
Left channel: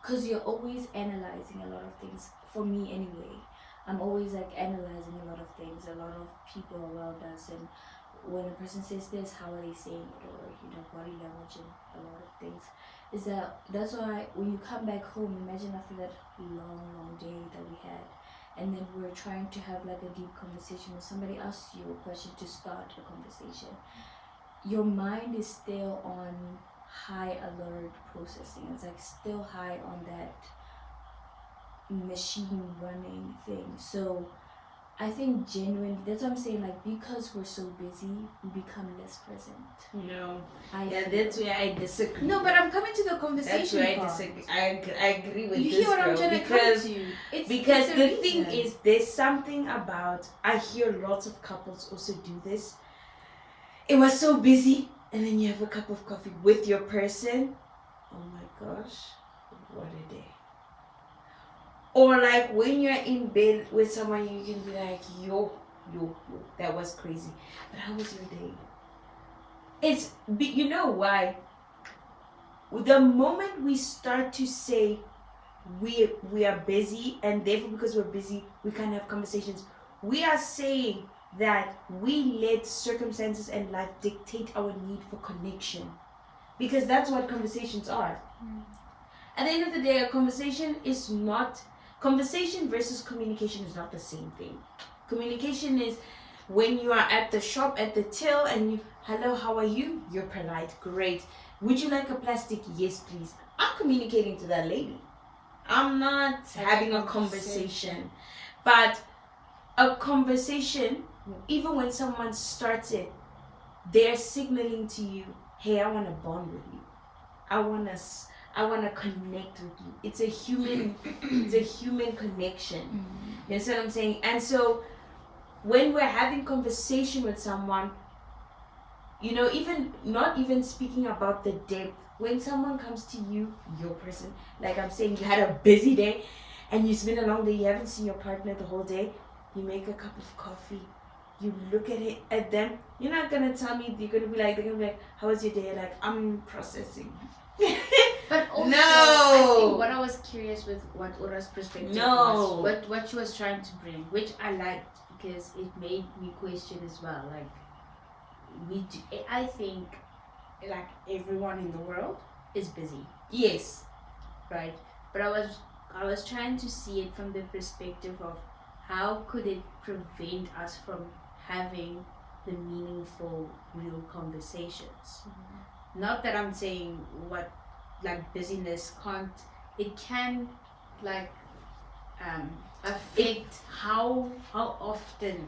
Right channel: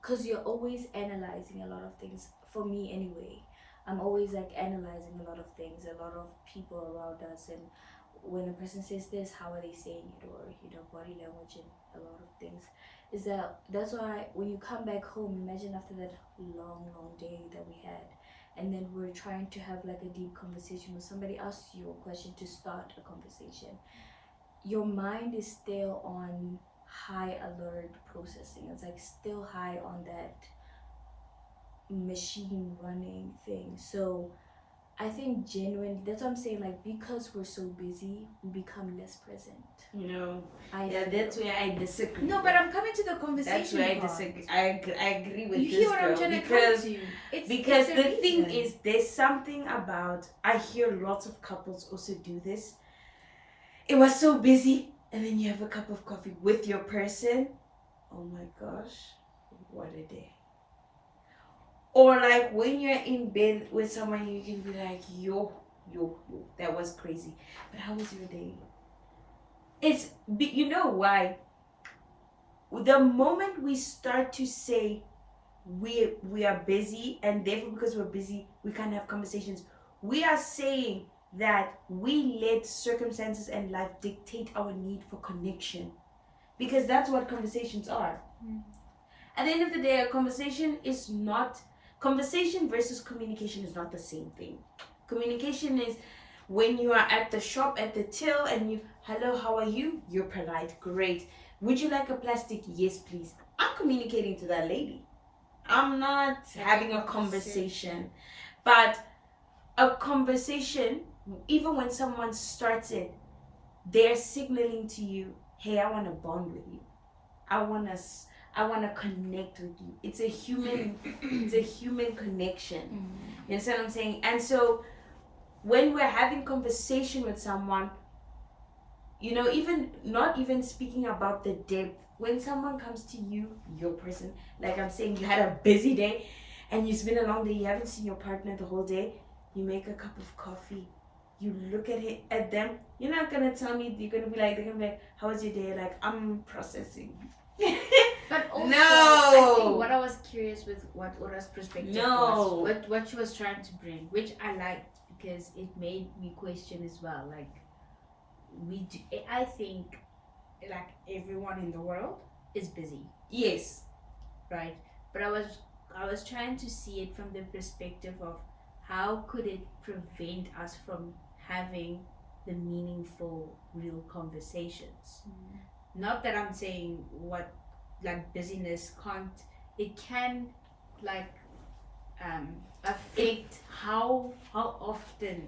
because you're always analyzing a lot of things, for me anyway, I'm always like analyzing a lot of things, a lot of people around us, and when a person says this, how are they saying it, or body language and a lot of things. That's why when you come back home, imagine after that long day that we had, and then we're trying to have like a deep conversation, or somebody asks you a question to start a conversation, your mind is still on high alert processing. It's like still high on that machine running thing. So I think genuinely, that's what I'm saying, like, because we're so busy, we become less present. No. Feel. That's where I disagree. No, but I'm coming to the conversation. That's where I part. disagree. I agree with You this hear what I'm girl trying because to come to? because it's a the thing reason. is, there's something about, I hear lots of couples also do this. It was so busy, and then you have a cup of coffee with your person. Oh my gosh, what a day. Or like when you're in bed with someone, you can be like, yo, that was crazy. But how was your day? You know why? The moment we start to say we are busy, and therefore because we're busy, we can't have conversations, we are saying that we let circumstances and life dictate our need for connection. Because that's what conversations are. At the end of the day, a conversation versus communication is not the same thing. Communication is when you are at the shop, at the till, and you, hello, how are you? You're polite, great. Would you like a plastic? Yes, please. I'm communicating to that lady. I'm not having a conversation. But a conversation, even when someone starts it, they're signaling to you, hey, I want to bond with you. I want to connect with you. It's a human connection. You understand what I'm saying? And so when we're having conversation with someone, even not even speaking about the depth, when someone comes to you, your person, like I'm saying, you had a busy day and you spend a long day, you haven't seen your partner the whole day, you make a cup of coffee, you look at them, you're not gonna tell me, they're gonna be like, how was your day? Like, I'm processing. But also, No. I think what I was curious with what Ura's perspective No. was, what she was trying to bring, which I liked because it made me question as well. Like, I think, like, everyone in the world is busy, Yes. right? But I was trying to see it from the perspective of how could it prevent us from having the meaningful, real conversations. Not that I'm saying busyness can't, it can like affect how often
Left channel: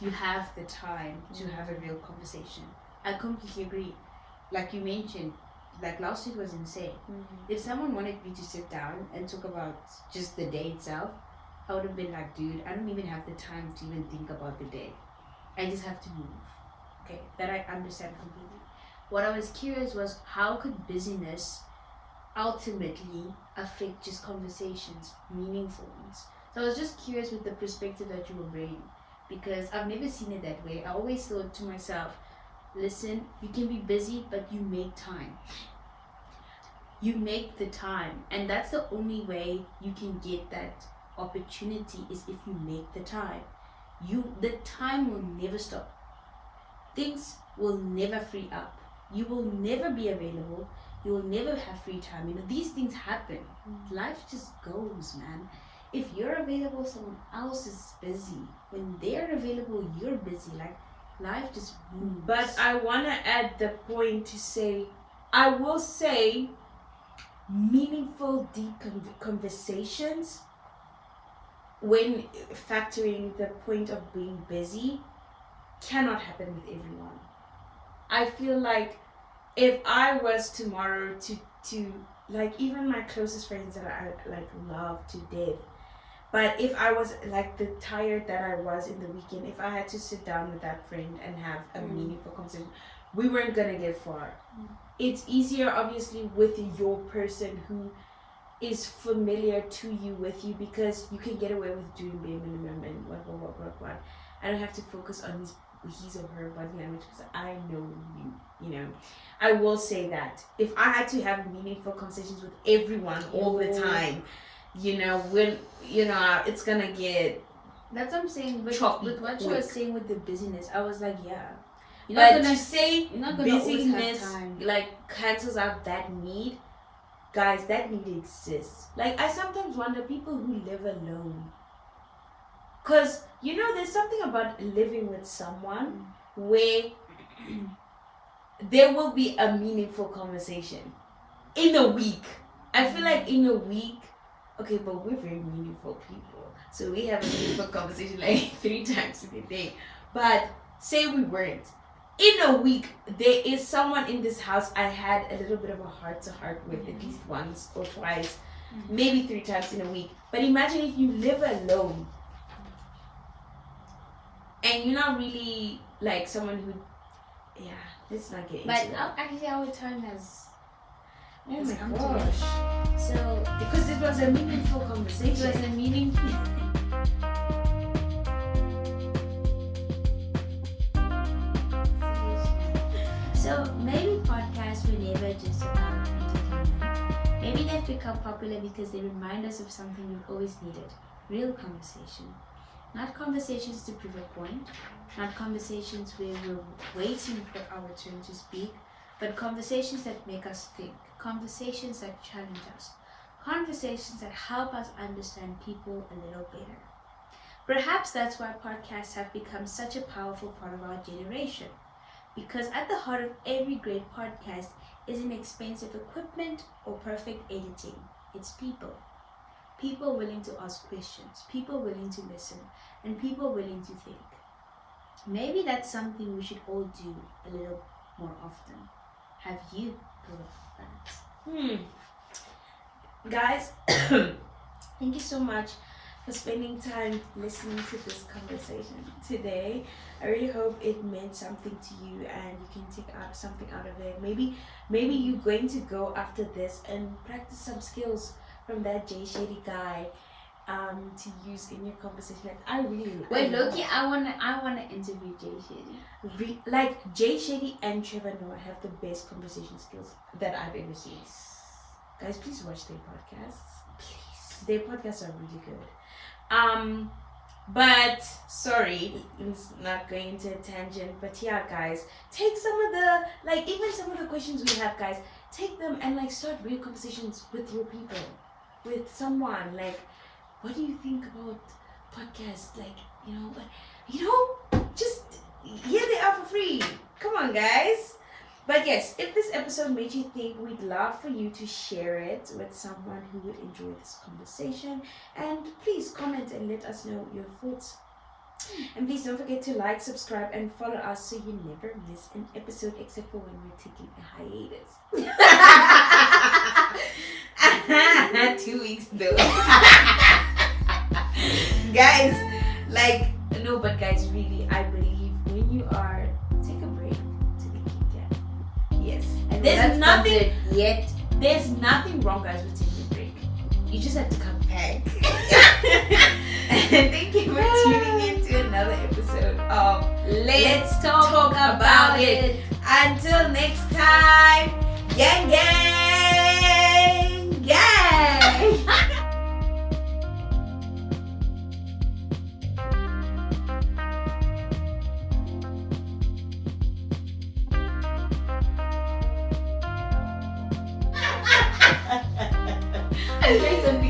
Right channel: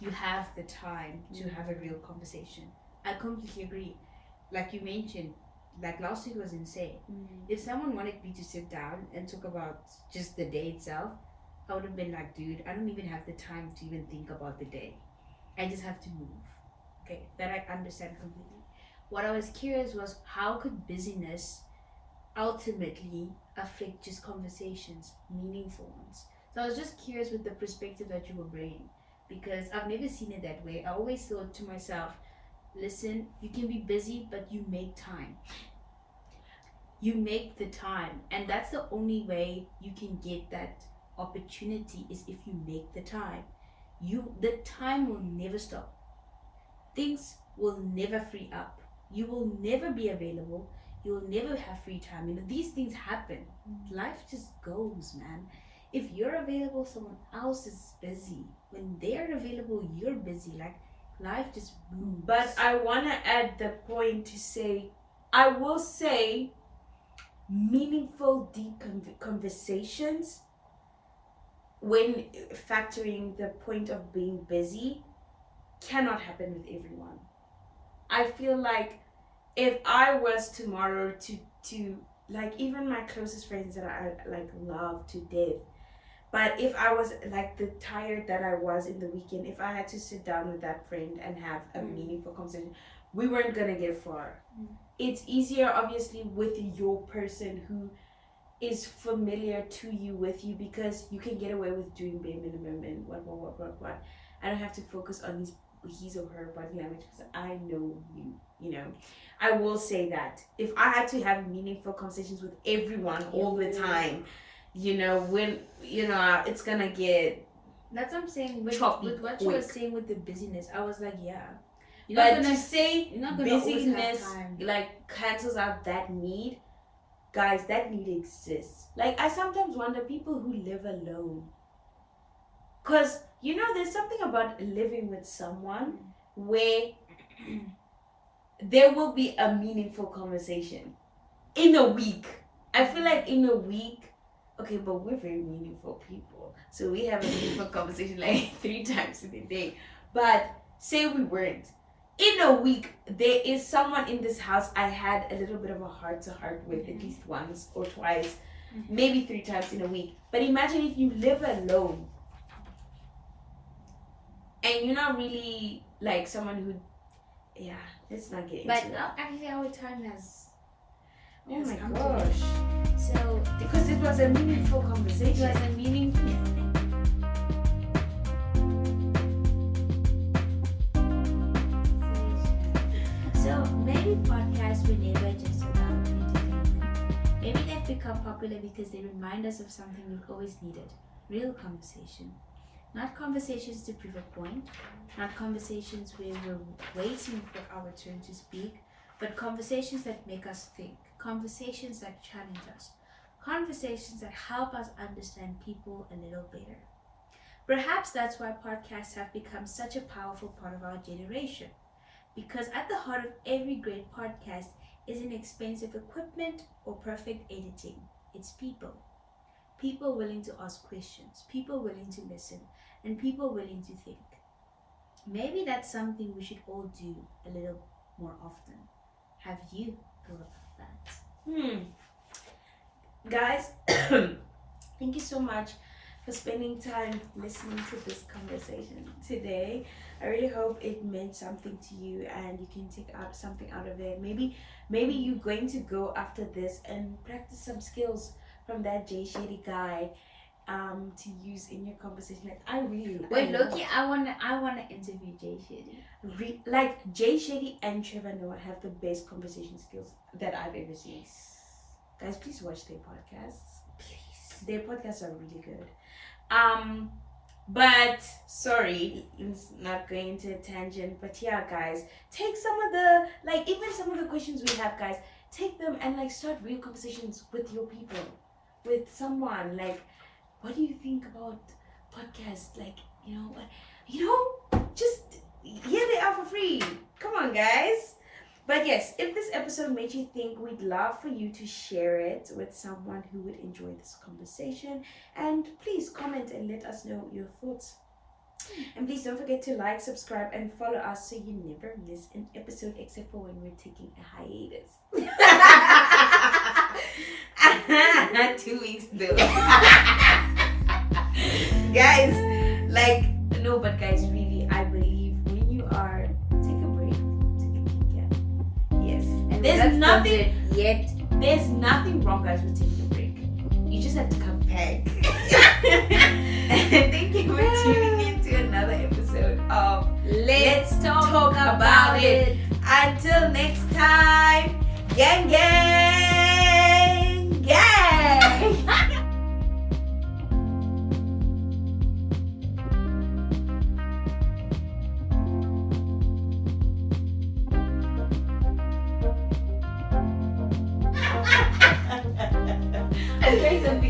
you have the time to have a real conversation. I completely agree. Like you mentioned, like last week was insane. If someone wanted me to sit down and talk about just the day itself, I would have been like, dude, I don't even have the time to even think about the day. I just have to move. Okay, that I understand completely. What I was curious was how could busyness ultimately affect just conversations, meaningful ones. So I was just curious with the perspective that you were bringing, because I've never seen it that way. I always thought to myself, listen, you can be busy, but you make time. You make the time, and that's the only way you can get that opportunity is if you make the time. The time will never stop. Things will never free up. You will never be available. You will never have free time. You know, these things happen. Life just goes, man. If you're available, someone else is busy. When they're available, you're busy. Like, life just moves. But I want to add the point to say, I will say, meaningful, deep conversations, when factoring the point of being busy, cannot happen with everyone. I feel like if I was tomorrow to like, even my closest friends that I like love to death, but if I was like the tired that I was in the weekend, if I had to sit down with that friend and have a meaningful conversation, we weren't gonna get far. It's easier obviously with your person who is familiar to you, with you, because you can get away with doing bare minimum and what. I don't have to focus on his or her body language because I know you know. I will say that if I had to have meaningful conversations with everyone all the time, you know, it's gonna get. That's what I'm saying. With what you quick. were saying with the busyness, I was like, yeah. But to say you're not gonna always have busyness time. like cancels out that need, guys, that need exists. Like, I sometimes wonder people who live alone, because you know there's something about living with someone where there will be a meaningful conversation in a week. I feel like in a week, okay, but we're very meaningful people, so we have a meaningful conversation like 3 times in a day. But say we weren't, in a week there is someone in this house I had a little bit of a heart to heart with, at least once or twice, maybe 3 times in a week. But imagine if you live alone and you're not really like someone who, let's not get into But that. actually, our time has. Oh has my come to gosh. an- So Because it was a meaningful it conversation. was a meaningful. So maybe podcasts were never just about entertainment. Maybe they've become popular because they remind us of something we've always needed: real conversation. Not conversations to prove a point, not conversations where we're waiting for our turn to speak, but conversations that make us think, conversations that challenge us, conversations that help us understand people a little better. Perhaps that's why podcasts have become such a powerful part of our generation. Because at the heart of every great podcast isn't expensive equipment or perfect editing. It's people. People willing to ask questions, people willing to listen, and people willing to think. Maybe that's something we should all do a little more often. Have you thought about that? Guys, thank you so much for spending time listening to this conversation today. I really hope it meant something to you and you can take out something out of it. Maybe you're going to go after this and practice some skills from that Jay Shady guy to use in your conversation. Like, I really Wait, Loki, I wanna interview Jay Shady. like Jay Shady and Trevor Noah have the best conversation skills that I've ever seen. Guys, please watch their podcasts. Please, their podcasts are really good. But sorry, it's not going to a tangent. But yeah, guys, take some of the even some of the questions we have, guys. Take them and start real conversations with your people, with someone. Like, what do you think about podcasts? Just here they are for free. Come on, guys. But yes, if this episode made you think, we'd love for you to share it with someone who would enjoy this conversation. And please comment and let us know your thoughts. And please don't forget to like, subscribe, and follow us so you never miss an episode, except for when we're taking a hiatus. 2 weeks though. Guys, no, but guys, really, I believe when you are, take a There's nothing. yet. There's nothing wrong, guys, with taking a break. You just have to come back. And thank you for tuning in to another episode of Let's talk about it. Until next time, gang, gang, gang. I'm trying something